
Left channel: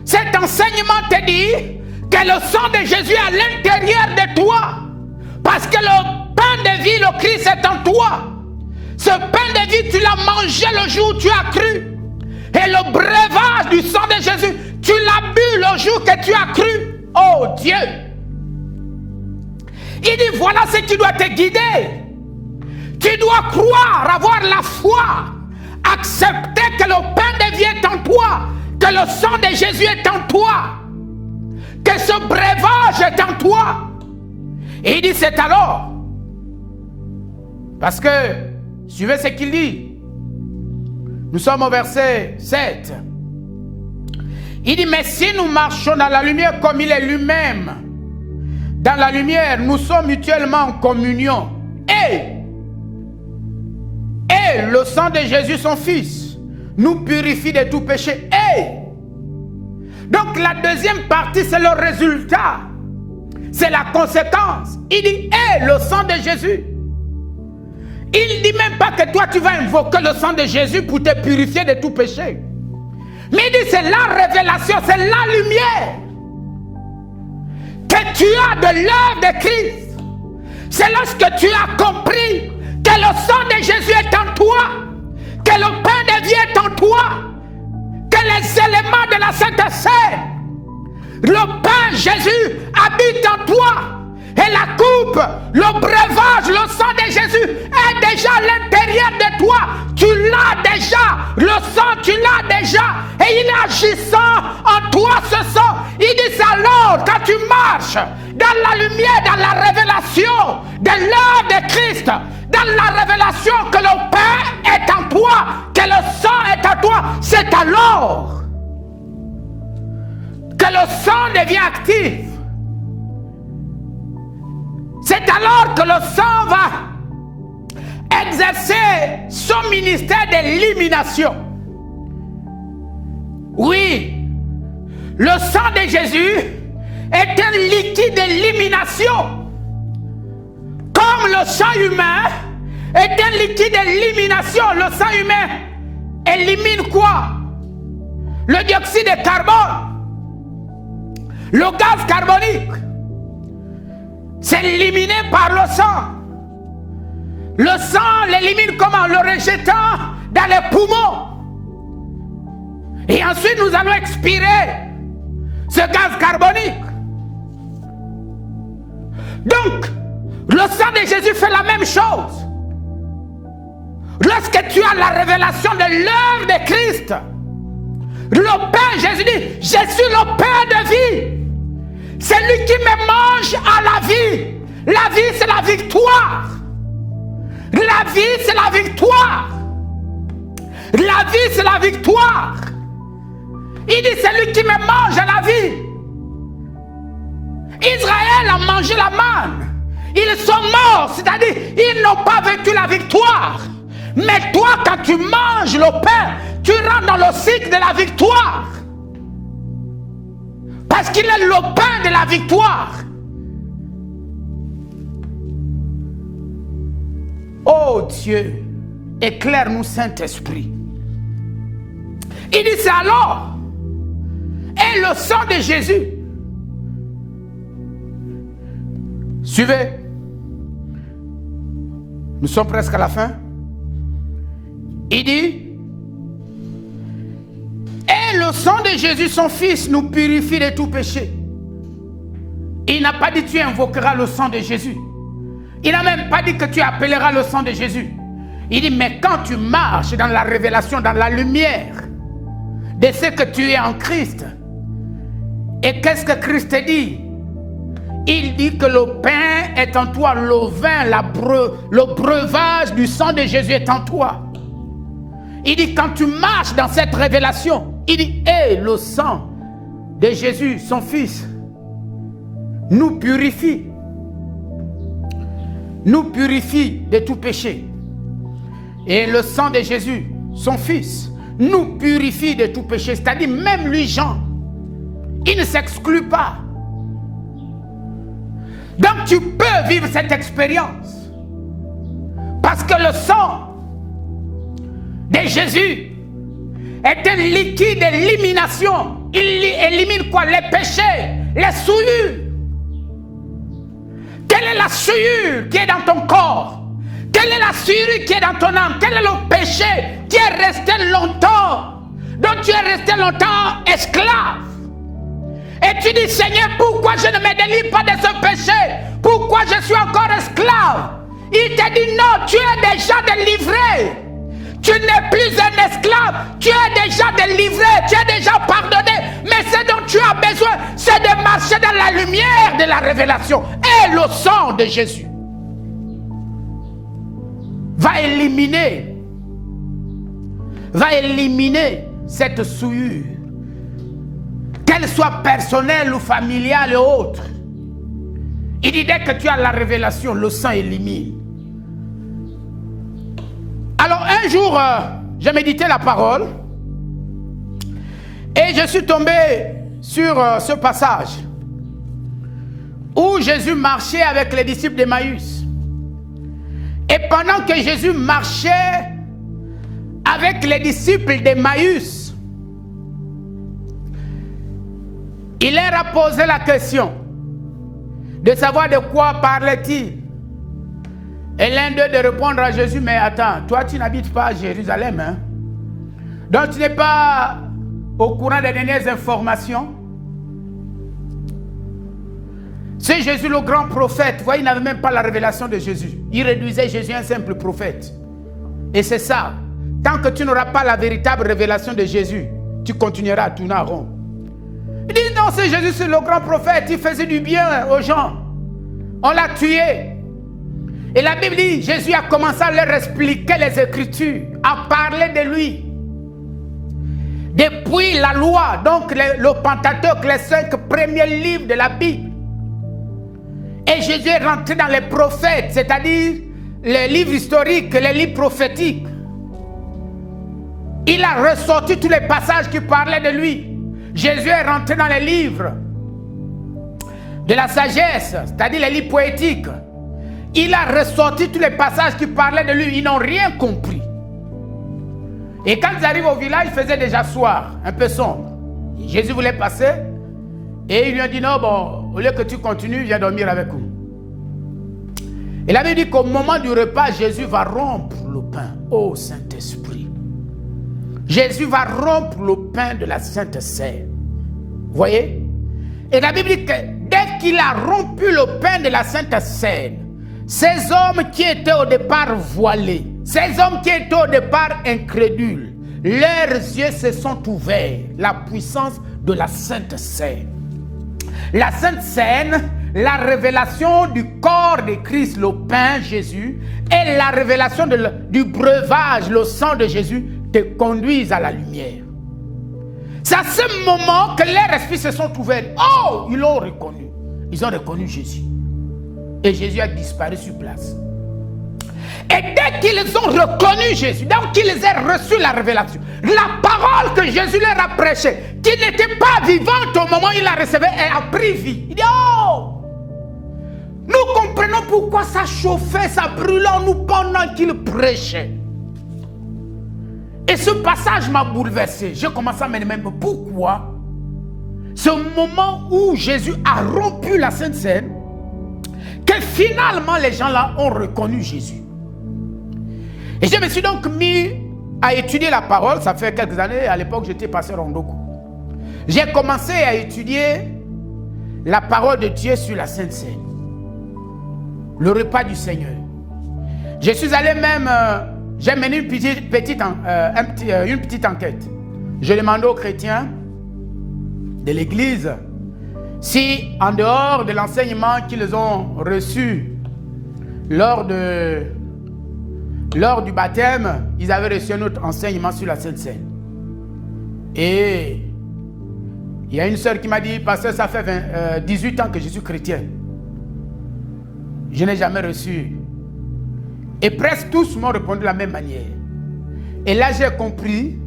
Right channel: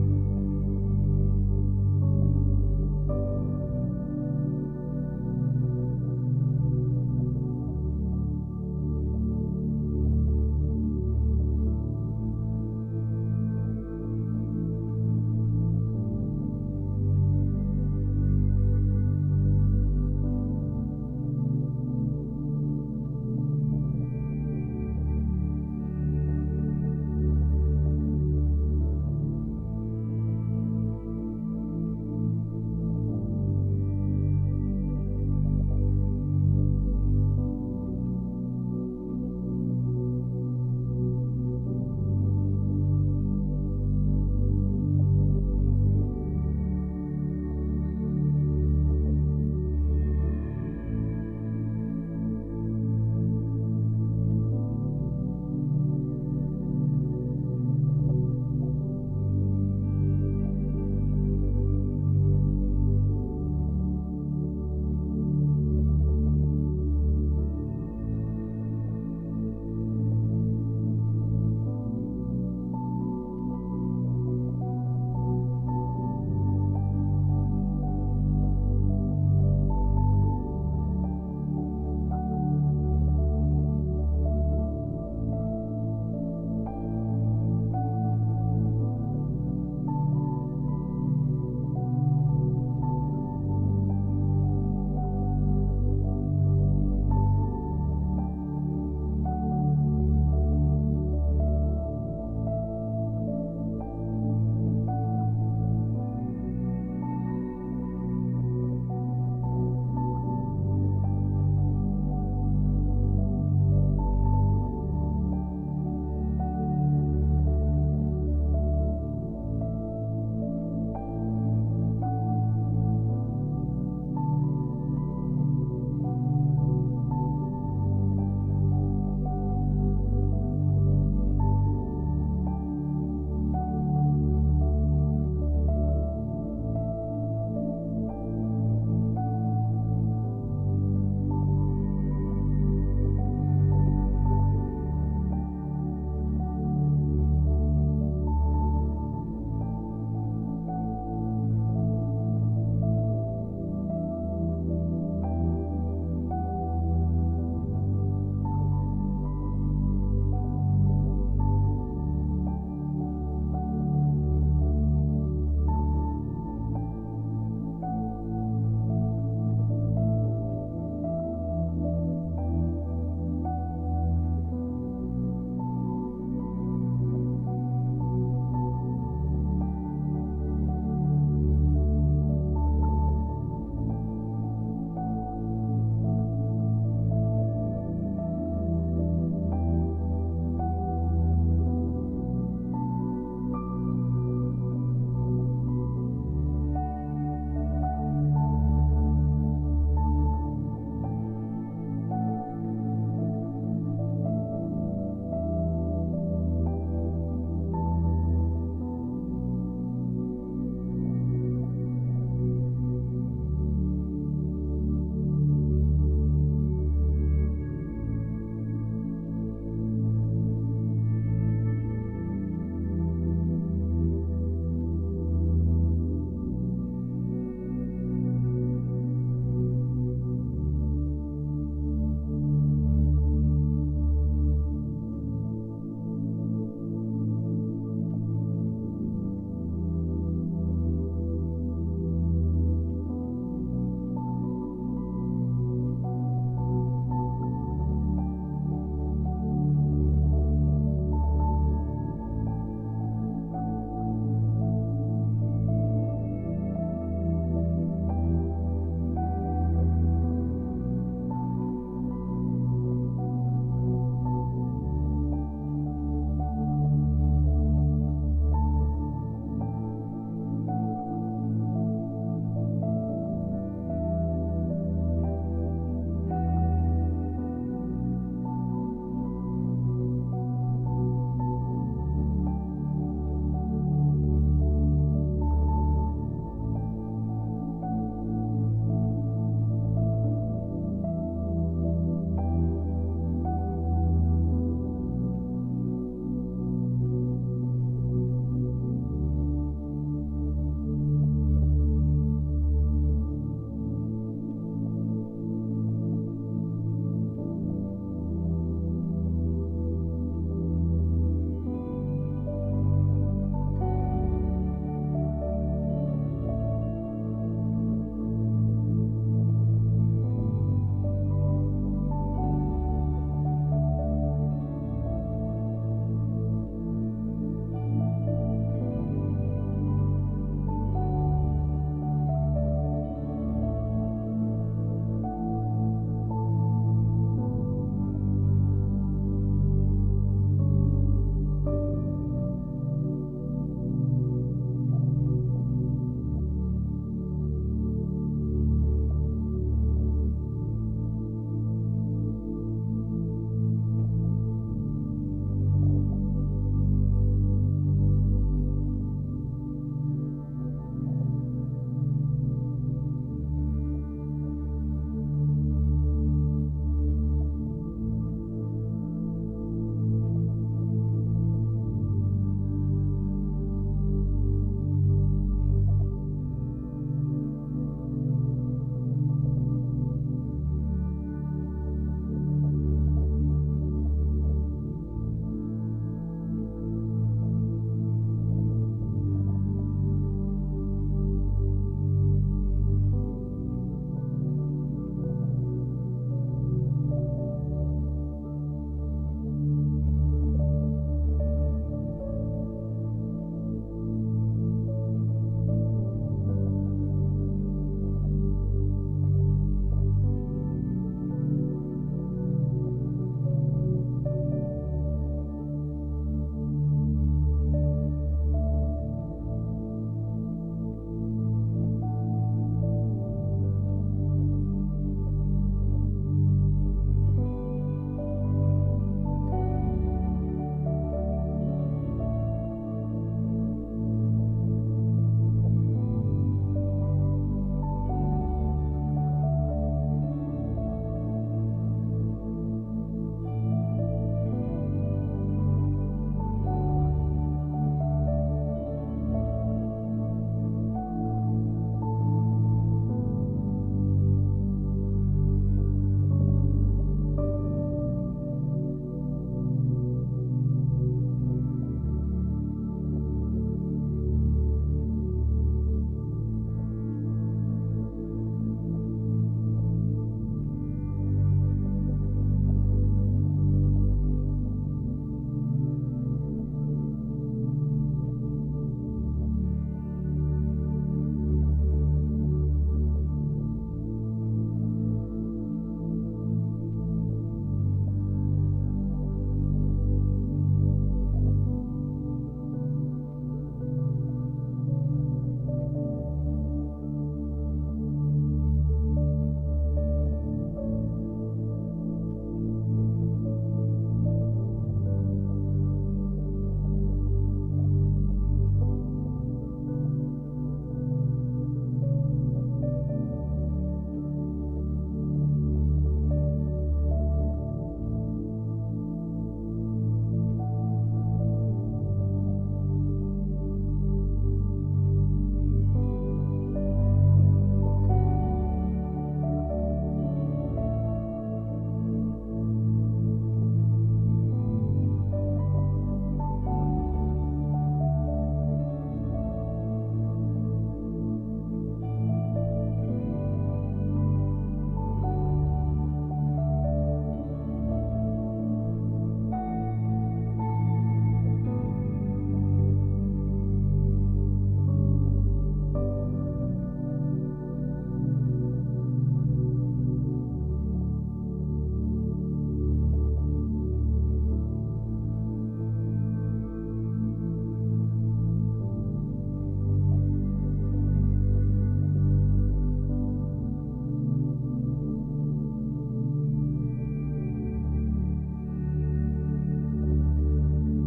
Cet enseignement te dit que le sang de Jésus est à l'intérieur de toi. Parce que le pain de vie, le Christ est en toi. Ce pain de vie, tu l'as mangé le jour où tu as cru. Et le breuvage du sang de Jésus, tu l'as bu le jour que tu as cru. Oh Dieu! Il dit, voilà ce qui doit te guider. Tu dois croire, avoir la foi, accepter que le pain de vie est en toi, que le sang de Jésus est en toi, que ce breuvage est en toi. Et il dit, c'est alors. Parce que, suivez ce qu'il dit. Nous sommes au verset 7. Il dit, mais si nous marchons dans la lumière comme il est lui-même, dans la lumière, nous sommes mutuellement en communion. Et le sang de Jésus, son Fils, nous purifie de tout péché. Donc la deuxième partie, c'est le résultat. C'est la conséquence. Il dit, le sang de Jésus. Il ne dit même pas que toi, tu vas invoquer le sang de Jésus pour te purifier de tout péché. Mais il dit, c'est la révélation, c'est la lumière que tu as de l'œuvre de Christ. C'est lorsque tu as compris que le sang de Jésus est en toi, que le pain de vie est en toi, que les éléments de la Sainte Seine, le pain Jésus habite en toi, et la coupe, le breuvage, le sang de Jésus est déjà à l'intérieur de toi. Tu l'as déjà, le sang tu l'as déjà, et il est agissant en toi ce sang. Il dit alors, quand tu marches dans la lumière, dans la révélation de l'œuvre de Christ, dans la révélation que le pain est en toi, que le sang est en toi, c'est alors que le sang devient actif. C'est alors que le sang va exercer son ministère d'élimination. Oui, le sang de Jésus est un liquide d'élimination. Comme le sang humain est un liquide d'élimination, le sang humain élimine quoi? Le dioxyde de carbone, le gaz carbonique. C'est éliminé par le sang. Le sang l'élimine comment? Le rejetant dans les poumons. Et ensuite nous allons expirer ce gaz carbonique. Donc, le sang de Jésus fait la même chose. Lorsque tu as la révélation de l'œuvre de Christ, le pain, Jésus dit, je suis le pain de vie. C'est lui qui me mange à la vie. La vie, c'est la victoire. La vie, c'est la victoire. La vie, c'est la victoire. Il dit, c'est lui qui me mange à la vie. Israël a mangé la manne. Ils sont morts, c'est-à-dire, ils n'ont pas vécu la victoire. Mais toi, quand tu manges le pain, tu rentres dans le cycle de la victoire. Parce qu'il est le pain de la victoire. Oh Dieu, éclaire-nous Saint-Esprit. Il dit c'est alors, et le sang de Jésus. Suivez. Nous sommes presque à la fin. Il dit, et le sang de Jésus, son Fils, nous purifie de tout péché. Il n'a pas dit tu invoqueras le sang de Jésus. Il n'a même pas dit que tu appelleras le sang de Jésus. Il dit, mais quand tu marches dans la révélation, dans la lumière de ce que tu es en Christ, et qu'est-ce que Christ dit? Il dit que le pain est en toi, le vin, le breuvage du sang de Jésus est en toi. Il dit, quand tu marches dans cette révélation, il dit, le sang de Jésus, son Fils, nous purifie de tout péché. Et le sang de Jésus, son Fils, nous purifie de tout péché. C'est-à-dire, même lui, Jean, il ne s'exclut pas. Donc tu peux vivre cette expérience. Parce que le sang de Jésus est un liquide d'élimination. Il élimine quoi? Les péchés, les souillures. Quelle est la souillure qui est dans ton corps? Quelle est la souillure qui est dans ton âme? Quel est le péché qui est resté longtemps, dont tu es resté longtemps esclave? Et tu dis, Seigneur, pourquoi je ne me délivre pas de ce péché? Pourquoi je suis encore esclave? Il te dit, non, tu es déjà délivré. Tu n'es plus un esclave, tu es déjà délivré, tu es déjà pardonné. Mais ce dont tu as besoin, c'est de marcher dans la lumière de la révélation. Et le sang de Jésus va éliminer cette souillure. qu'elle soit personnelle ou familiale et autre. Il dit dès que tu as la révélation, le sang élimine. Alors un jour, j'ai médité la parole et je suis tombé sur ce passage où Jésus marchait avec les disciples d'Emmaüs. Et pendant que Jésus marchait avec les disciples d'Emmaüs, il leur a posé la question de savoir de quoi parlait-il. Et l'un d'eux de répondre à Jésus, mais attends, toi tu n'habites pas à Jérusalem, hein? Donc tu n'es pas au courant des dernières informations. C'est Jésus le grand prophète. Vous voyez, il n'avait même pas la révélation de Jésus. Il réduisait Jésus à un simple prophète. Et c'est ça. Tant que tu n'auras pas la véritable révélation de Jésus, tu continueras à tourner en rond. Il dit non, c'est Jésus, c'est le grand prophète. Il faisait du bien aux gens. On l'a tué. Et la Bible dit, Jésus a commencé à leur expliquer les Écritures, à parler de lui. Depuis la loi, donc le Pentateuque, les 5 premiers livres de la Bible. Et Jésus est rentré dans les prophètes, c'est-à-dire les livres historiques, les livres prophétiques. Il a ressorti tous les passages qui parlaient de lui. Jésus est rentré dans les livres de la sagesse, c'est-à-dire les livres poétiques. Il a ressorti tous les passages qui parlaient de lui. Ils n'ont rien compris. Et quand ils arrivent au village, il faisait déjà soir, un peu sombre. Et Jésus voulait passer. Et il lui a dit, non, bon, au lieu que tu continues, viens dormir avec nous. Et la Bible dit qu'au moment du repas, Jésus va rompre le pain. Oh Saint-Esprit. Jésus va rompre le pain de la Sainte Seine. Vous voyez? Et la Bible dit que dès qu'il a rompu le pain de la Sainte Seine, ces hommes qui étaient au départ voilés, ces hommes qui étaient au départ incrédules, leurs yeux se sont ouverts. La puissance de la Sainte Seine. La Sainte Seine, la révélation du corps de Christ, le pain Jésus, et la révélation du breuvage, le sang de Jésus, te conduisent à la lumière. C'est à ce moment que leurs esprits se sont ouverts. Oh, ils l'ont reconnu. Ils ont reconnu Jésus. Et Jésus a disparu sur place. Et dès qu'ils ont reconnu Jésus, donc qu'ils aient reçu la révélation, la parole que Jésus leur a prêchée, qui n'était pas vivante au moment où il la recevait, elle a pris vie. Il dit, oh, nous comprenons pourquoi ça chauffait, ça brûlait en nous pendant qu'il prêchait. Et ce passage m'a bouleversé. J'ai commencé à me demander pourquoi ce moment où Jésus a rompu la Sainte Seine, que finalement les gens là ont reconnu Jésus. Et je me suis donc mis à étudier la parole. Ça fait quelques années, à l'époque j'étais pasteur en Ndoko. J'ai commencé à étudier la parole de Dieu sur la Sainte Seine, le repas du Seigneur. Je suis allé même, j'ai mené une petite enquête. Je demandais aux chrétiens de l'Église si, en dehors de l'enseignement qu'ils ont reçu lors du baptême, ils avaient reçu un autre enseignement sur la Sainte Seine. Et il y a une sœur qui m'a dit, pasteur, ça fait 18 ans que je suis chrétien. Je n'ai jamais reçu. Et presque tous m'ont répondu de la même manière. Et là, j'ai compris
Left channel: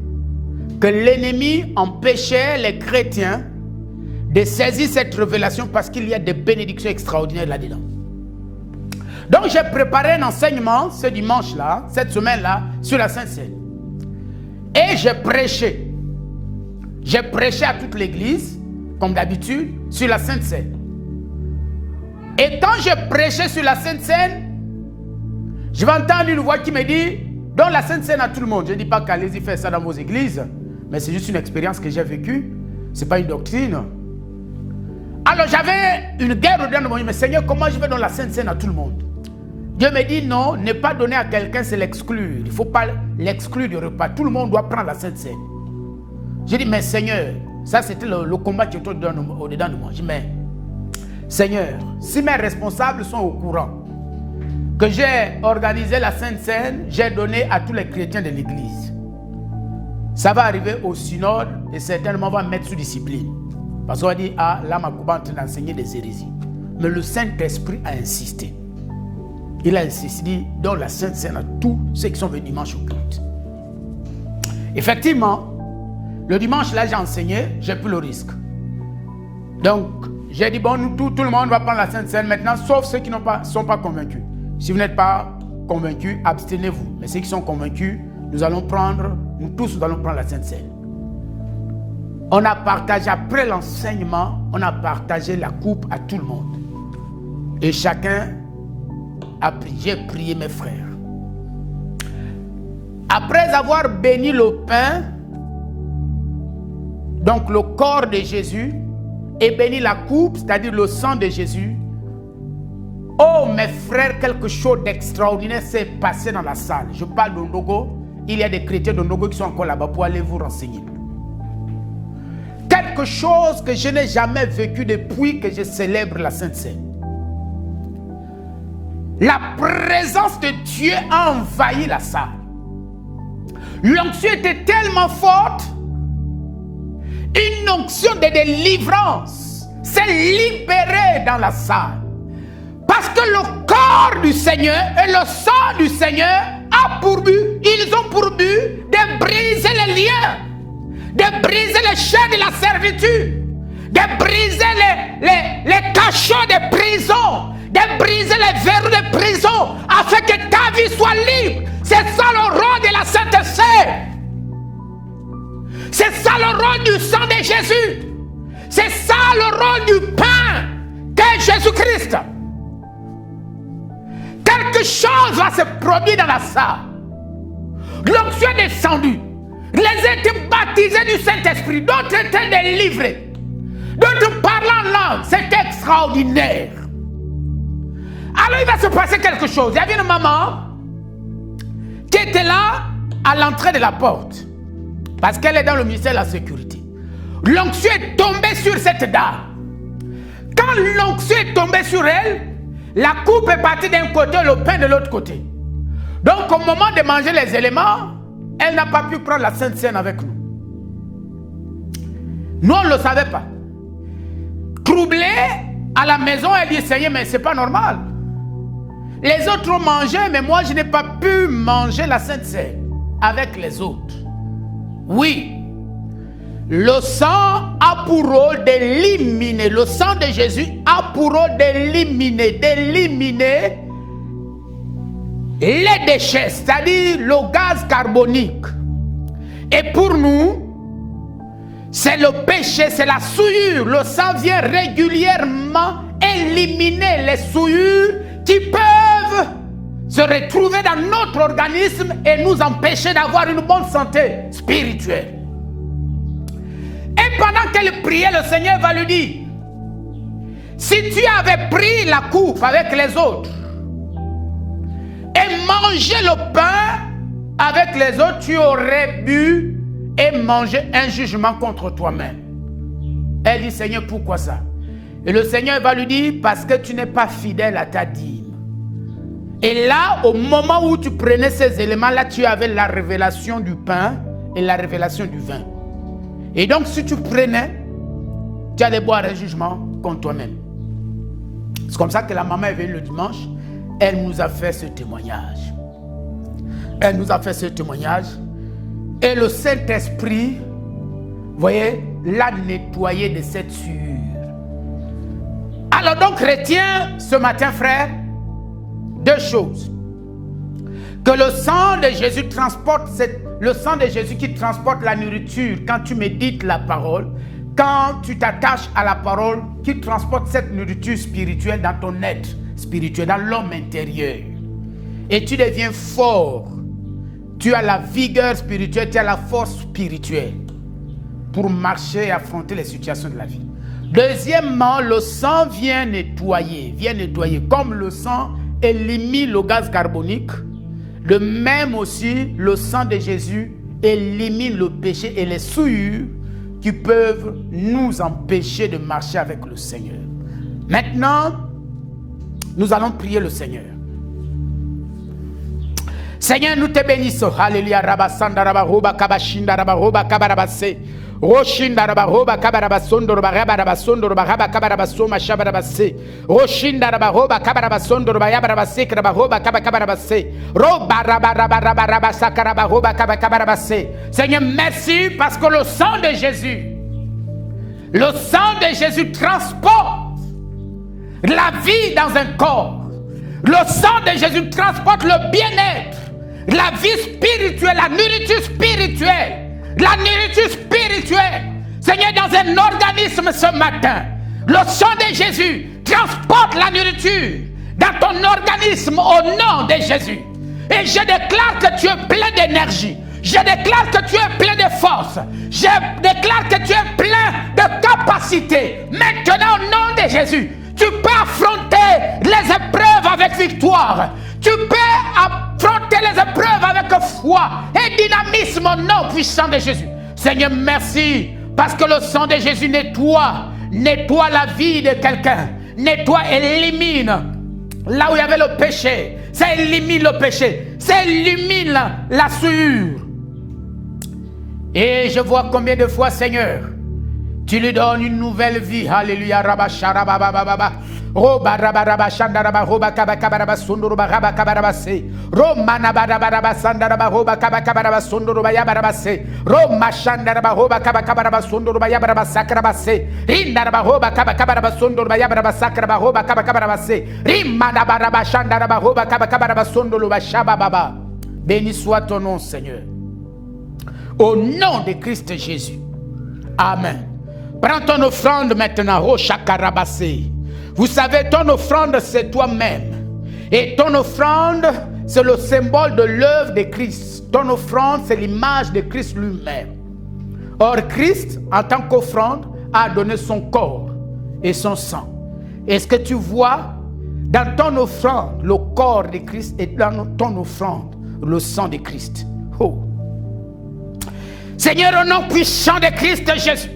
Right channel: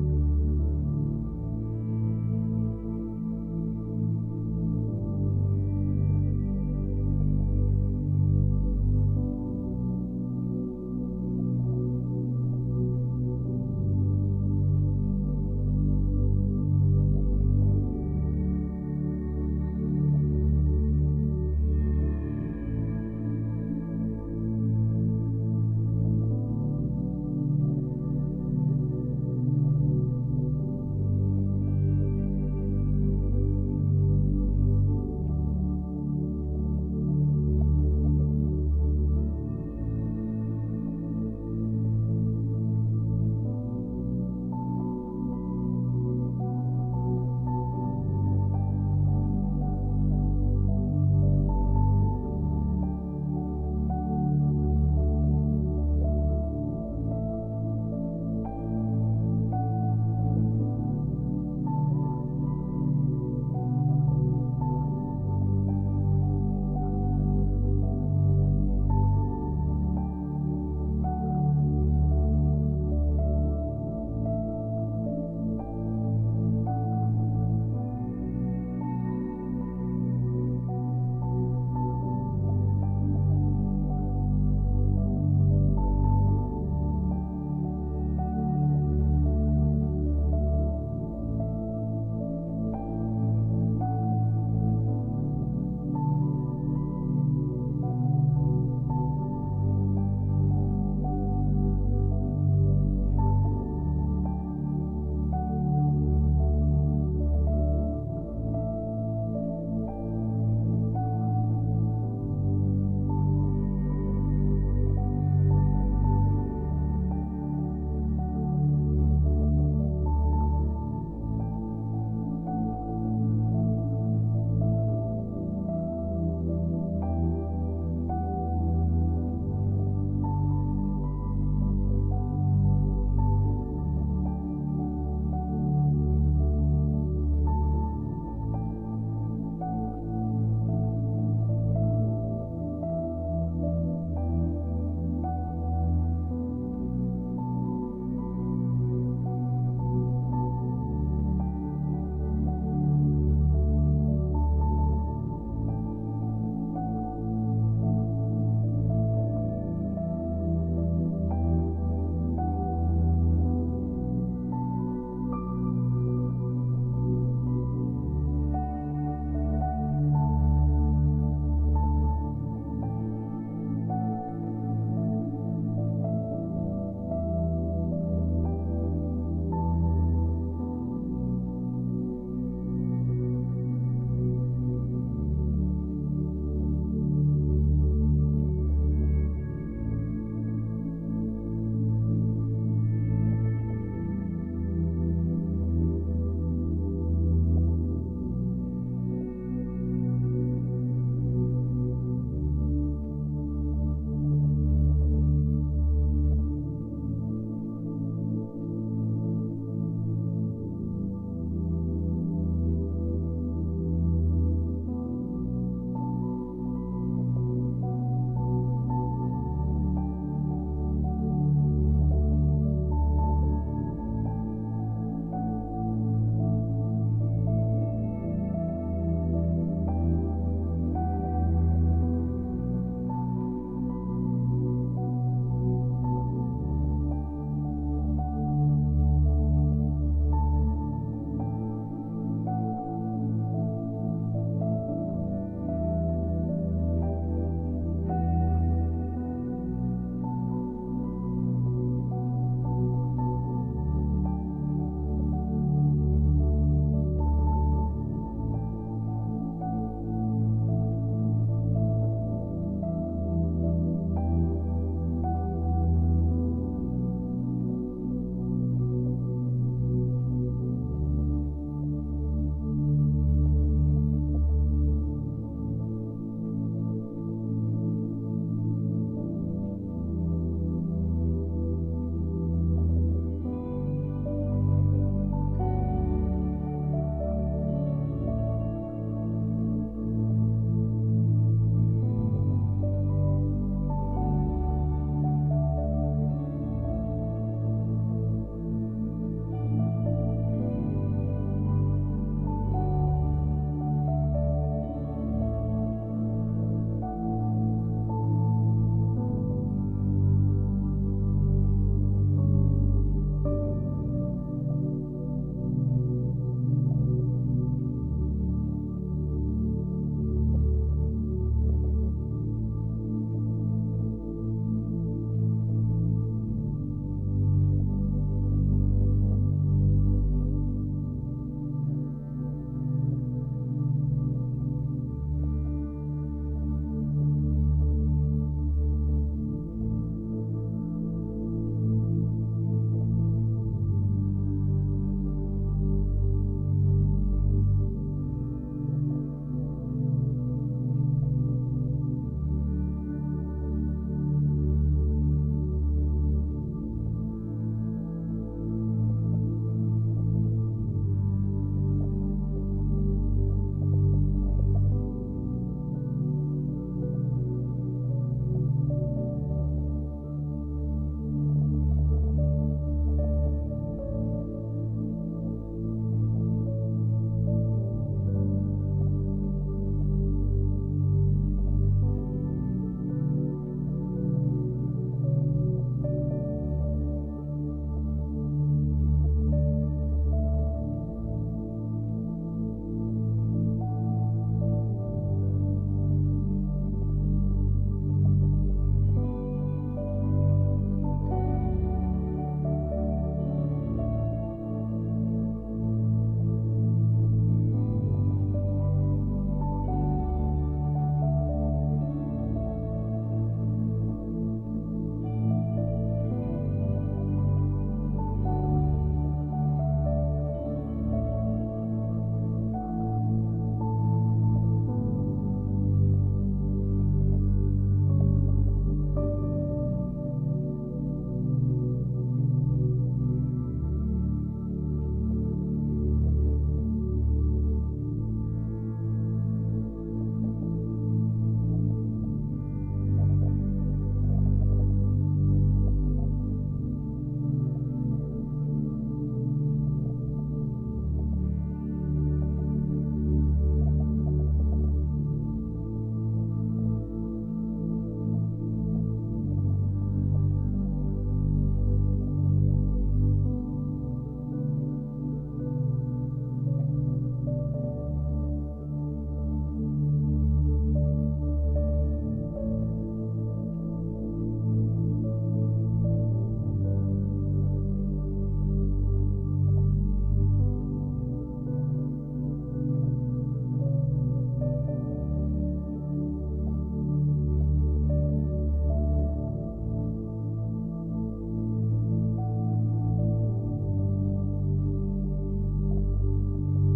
que l'ennemi empêchait les chrétiens de saisir cette révélation parce qu'il y a des bénédictions extraordinaires là-dedans. Donc j'ai préparé un enseignement ce dimanche-là, cette semaine-là, sur la Sainte Seine. Et j'ai prêché. J'ai prêché à toute l'église, comme d'habitude, sur la Sainte Seine. Et quand j'ai prêché sur la Sainte Seine, je vais entendre une voix qui me dit, donne la Sainte Seine à tout le monde. Je ne dis pas qu'allez-y faire ça dans vos églises, mais c'est juste une expérience que j'ai vécue. Ce n'est pas une doctrine. Alors j'avais une guerre au dedans de moi. Je me dis, mais Seigneur, comment je vais donner la Sainte Seine à tout le monde? Dieu me dit, non, ne pas donner à quelqu'un, c'est l'exclure. Il ne faut pas l'exclure du repas. Tout le monde doit prendre la Sainte Seine. J'ai dit, mais Seigneur, ça c'était le combat qui était au-dedans de moi. J'ai dit, mais Seigneur, si mes responsables sont au courant que j'ai organisé la Sainte Seine, j'ai donné à tous les chrétiens de l'Église. Ça va arriver au synode et certainement on va me mettre sous discipline. Parce qu'on va dire, ah, là, Makouba est en train d'enseigner des hérésies. Mais le Saint-Esprit a insisté. Il a insisté, dit, dans la Sainte Seine à tous ceux qui sont venus dimanche au culte. Effectivement, le dimanche, là, j'ai enseigné, j'ai pris le risque. Donc, j'ai dit, bon, nous, tout le monde va prendre la Sainte Seine maintenant, sauf ceux qui ne sont pas convaincus. Si vous n'êtes pas convaincus, abstenez-vous. Mais ceux qui sont convaincus, nous tous, nous allons prendre la Sainte Seine. On a partagé, après l'enseignement, on a partagé la coupe à tout le monde. Et chacun a prié, j'ai prié mes frères. Après avoir béni le pain, donc le corps de Jésus, et béni la coupe, c'est-à-dire le sang de Jésus, oh mes frères, quelque chose d'extraordinaire s'est passé dans la salle. Je parle de Ndogo, il y a des chrétiens de Ndogo qui sont encore là-bas pour aller vous renseigner. Quelque chose que je n'ai jamais vécu depuis que je célèbre la Sainte Seine. La présence de Dieu a envahi la salle. L'onction était tellement forte, une onction de délivrance s'est libérée dans la salle. Parce que le corps du Seigneur et le sang du Seigneur ils ont pour but de briser les liens, de briser les chaînes de la servitude, de briser les cachots de prison, de briser les verrous de prison, afin que ta vie soit libre. C'est ça le rôle de la Sainte Seine. C'est ça le rôle du sang de Jésus. C'est ça le rôle du pain de Jésus-Christ. Quelque chose va se produire dans la salle. L'onction est descendue. Les étaient baptisés du Saint-Esprit. D'autres étaient délivrés. D'autres parlant en langue. C'était extraordinaire. Alors il va se passer quelque chose. Il y avait une maman qui était là à l'entrée de la porte. Parce qu'elle est dans le ministère de la sécurité. L'onction est tombée sur cette dame. Quand l'onction est tombée sur elle, la coupe est partie d'un côté, le pain de l'autre côté. Donc au moment de manger les éléments, elle n'a pas pu prendre la Sainte Seine avec nous. Nous, on ne le savait pas. Troublée, à la maison, elle dit, Seigneur, mais ce n'est pas normal. Les autres ont mangé, mais moi, je n'ai pas pu manger la Sainte Seine avec les autres. Oui, le sang a pour rôle d'éliminer, le sang de Jésus a pour rôle d'éliminer les déchets, c'est-à-dire le gaz carbonique. Et pour nous, c'est le péché, c'est la souillure. Le sang vient régulièrement éliminer les souillures qui peuvent se retrouver dans notre organisme et nous empêcher d'avoir une bonne santé spirituelle. Et pendant qu'elle priait, le Seigneur va lui dire, si tu avais pris la coupe avec les autres et mangé le pain avec les autres, tu aurais bu et mangé un jugement contre toi-même. Elle dit, Seigneur, pourquoi ça? Et le Seigneur va lui dire, parce que tu n'es pas fidèle à ta dîme. Et là, au moment où tu prenais ces éléments-là, tu avais la révélation du pain et la révélation du vin. Et donc, si tu prenais, tu allais boire un jugement contre toi-même. C'est comme ça que la maman est venue le dimanche. Elle nous a fait ce témoignage. Elle nous a fait ce témoignage. Et le Saint-Esprit, vous voyez, l'a nettoyé de cette sueur. Alors donc, retiens ce matin, frère, deux choses. Que le sang de Jésus transporte, le sang de Jésus qui transporte la nourriture quand tu médites la parole, quand tu t'attaches à la parole, qui transporte cette nourriture spirituelle dans ton être spirituel, dans l'homme intérieur. Et tu deviens fort. Tu as la vigueur spirituelle, tu as la force spirituelle pour marcher et affronter les situations de la vie. Deuxièmement, le sang vient nettoyer. Comme le sang élimine le gaz carbonique, de même aussi le sang de Jésus élimine le péché et les souillures qui peuvent nous empêcher de marcher avec le Seigneur. Maintenant, nous allons prier le Seigneur. Seigneur, nous te bénissons. Alléluia. Rabasanda, rabaroba, kabashinda, rabaroba, kabarabase. Roshindaraba roba kabaraba sondoroba rabaraba sondoroba raba kabaraba soma shabaraba se. Roshindaraba roba kabaraba sondoroba yabaraba sekraba roba kabaraba se. Roba raba sakaraba roba kabaraba se. Seigneur, merci parce que le sang de Jésus transporte la vie dans un corps. Le sang de Jésus transporte le bien-être, la vie spirituelle, la nourriture spirituelle. La nourriture spirituelle, Seigneur, dans un organisme ce matin, le sang de Jésus transporte la nourriture dans ton organisme au nom de Jésus. Et je déclare que tu es plein d'énergie. Je déclare que tu es plein de force. Je déclare que tu es plein de capacité. Maintenant, au nom de Jésus, tu peux affronter les épreuves avec victoire. Tu peux affronter les épreuves avec foi et dynamisme au nom puissant de Jésus. Seigneur, merci parce que le sang de Jésus nettoie la vie de quelqu'un. Nettoie, élimine là où il y avait le péché. Ça élimine le péché. Ça élimine la souillure. Et je vois combien de fois, Seigneur, tu lui donnes une nouvelle vie. Alléluia. Roba raba raba shanda raba roba kaba kaba raba sunduru raba kaba raba se. Roma naba raba raba sanda raba roba kaba kaba raba sunduru yaba raba se. Roma shanda raba roba kaba kaba raba sunduru yaba raba sakra raba se. Rinda raba roba kaba kaba raba sunduru yaba raba sakra raba roba kaba kaba raba se. Rima naba raba shanda raba roba kaba kaba raba sunduru shaba baba. Béni soit ton nom, Seigneur. Au nom de Christ Jésus. Amen. Prends ton offrande maintenant. Oh chakarabase. Vous savez, ton offrande, c'est toi-même. Et ton offrande, c'est le symbole de l'œuvre de Christ. Ton offrande, c'est l'image de Christ lui-même. Or, Christ, en tant qu'offrande, a donné son corps et son sang. Est-ce que tu vois dans ton offrande le corps de Christ et dans ton offrande le sang de Christ? Oh. Seigneur, au nom puissant de Christ Jésus,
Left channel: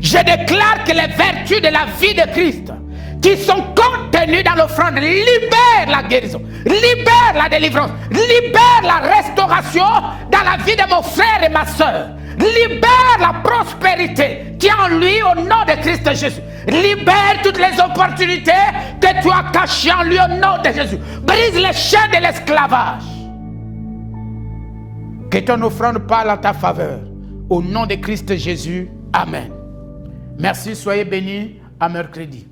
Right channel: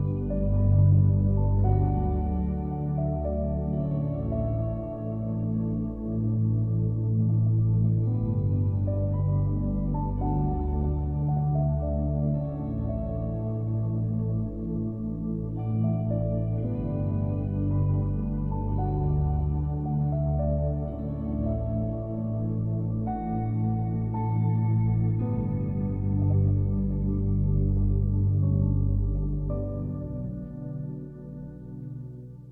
je déclare que les vertus de la vie de Christ qui sont contenues dans l'offrande libèrent la guérison, libèrent la délivrance, libèrent la restauration dans la vie de mon frère et ma soeur, libère la prospérité qui est en lui au nom de Christ Jésus, libère toutes les opportunités que tu as cachées en lui au nom de Jésus, brise les chaînes de l'esclavage. Que ton offrande parle en ta faveur au nom de Christ Jésus. Amen. Merci, soyez bénis, à mercredi.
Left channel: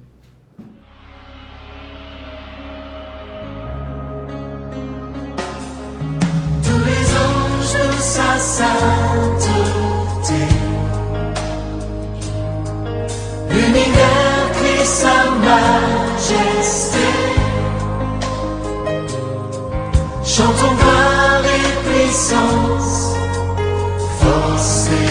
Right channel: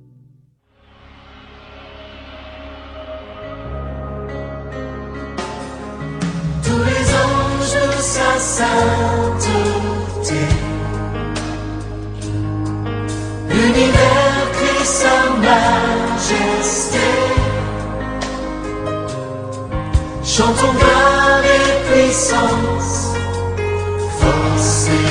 Tous les anges de sa sainteté, l'univers crie sa majesté. Chantons gloire et puissance, force et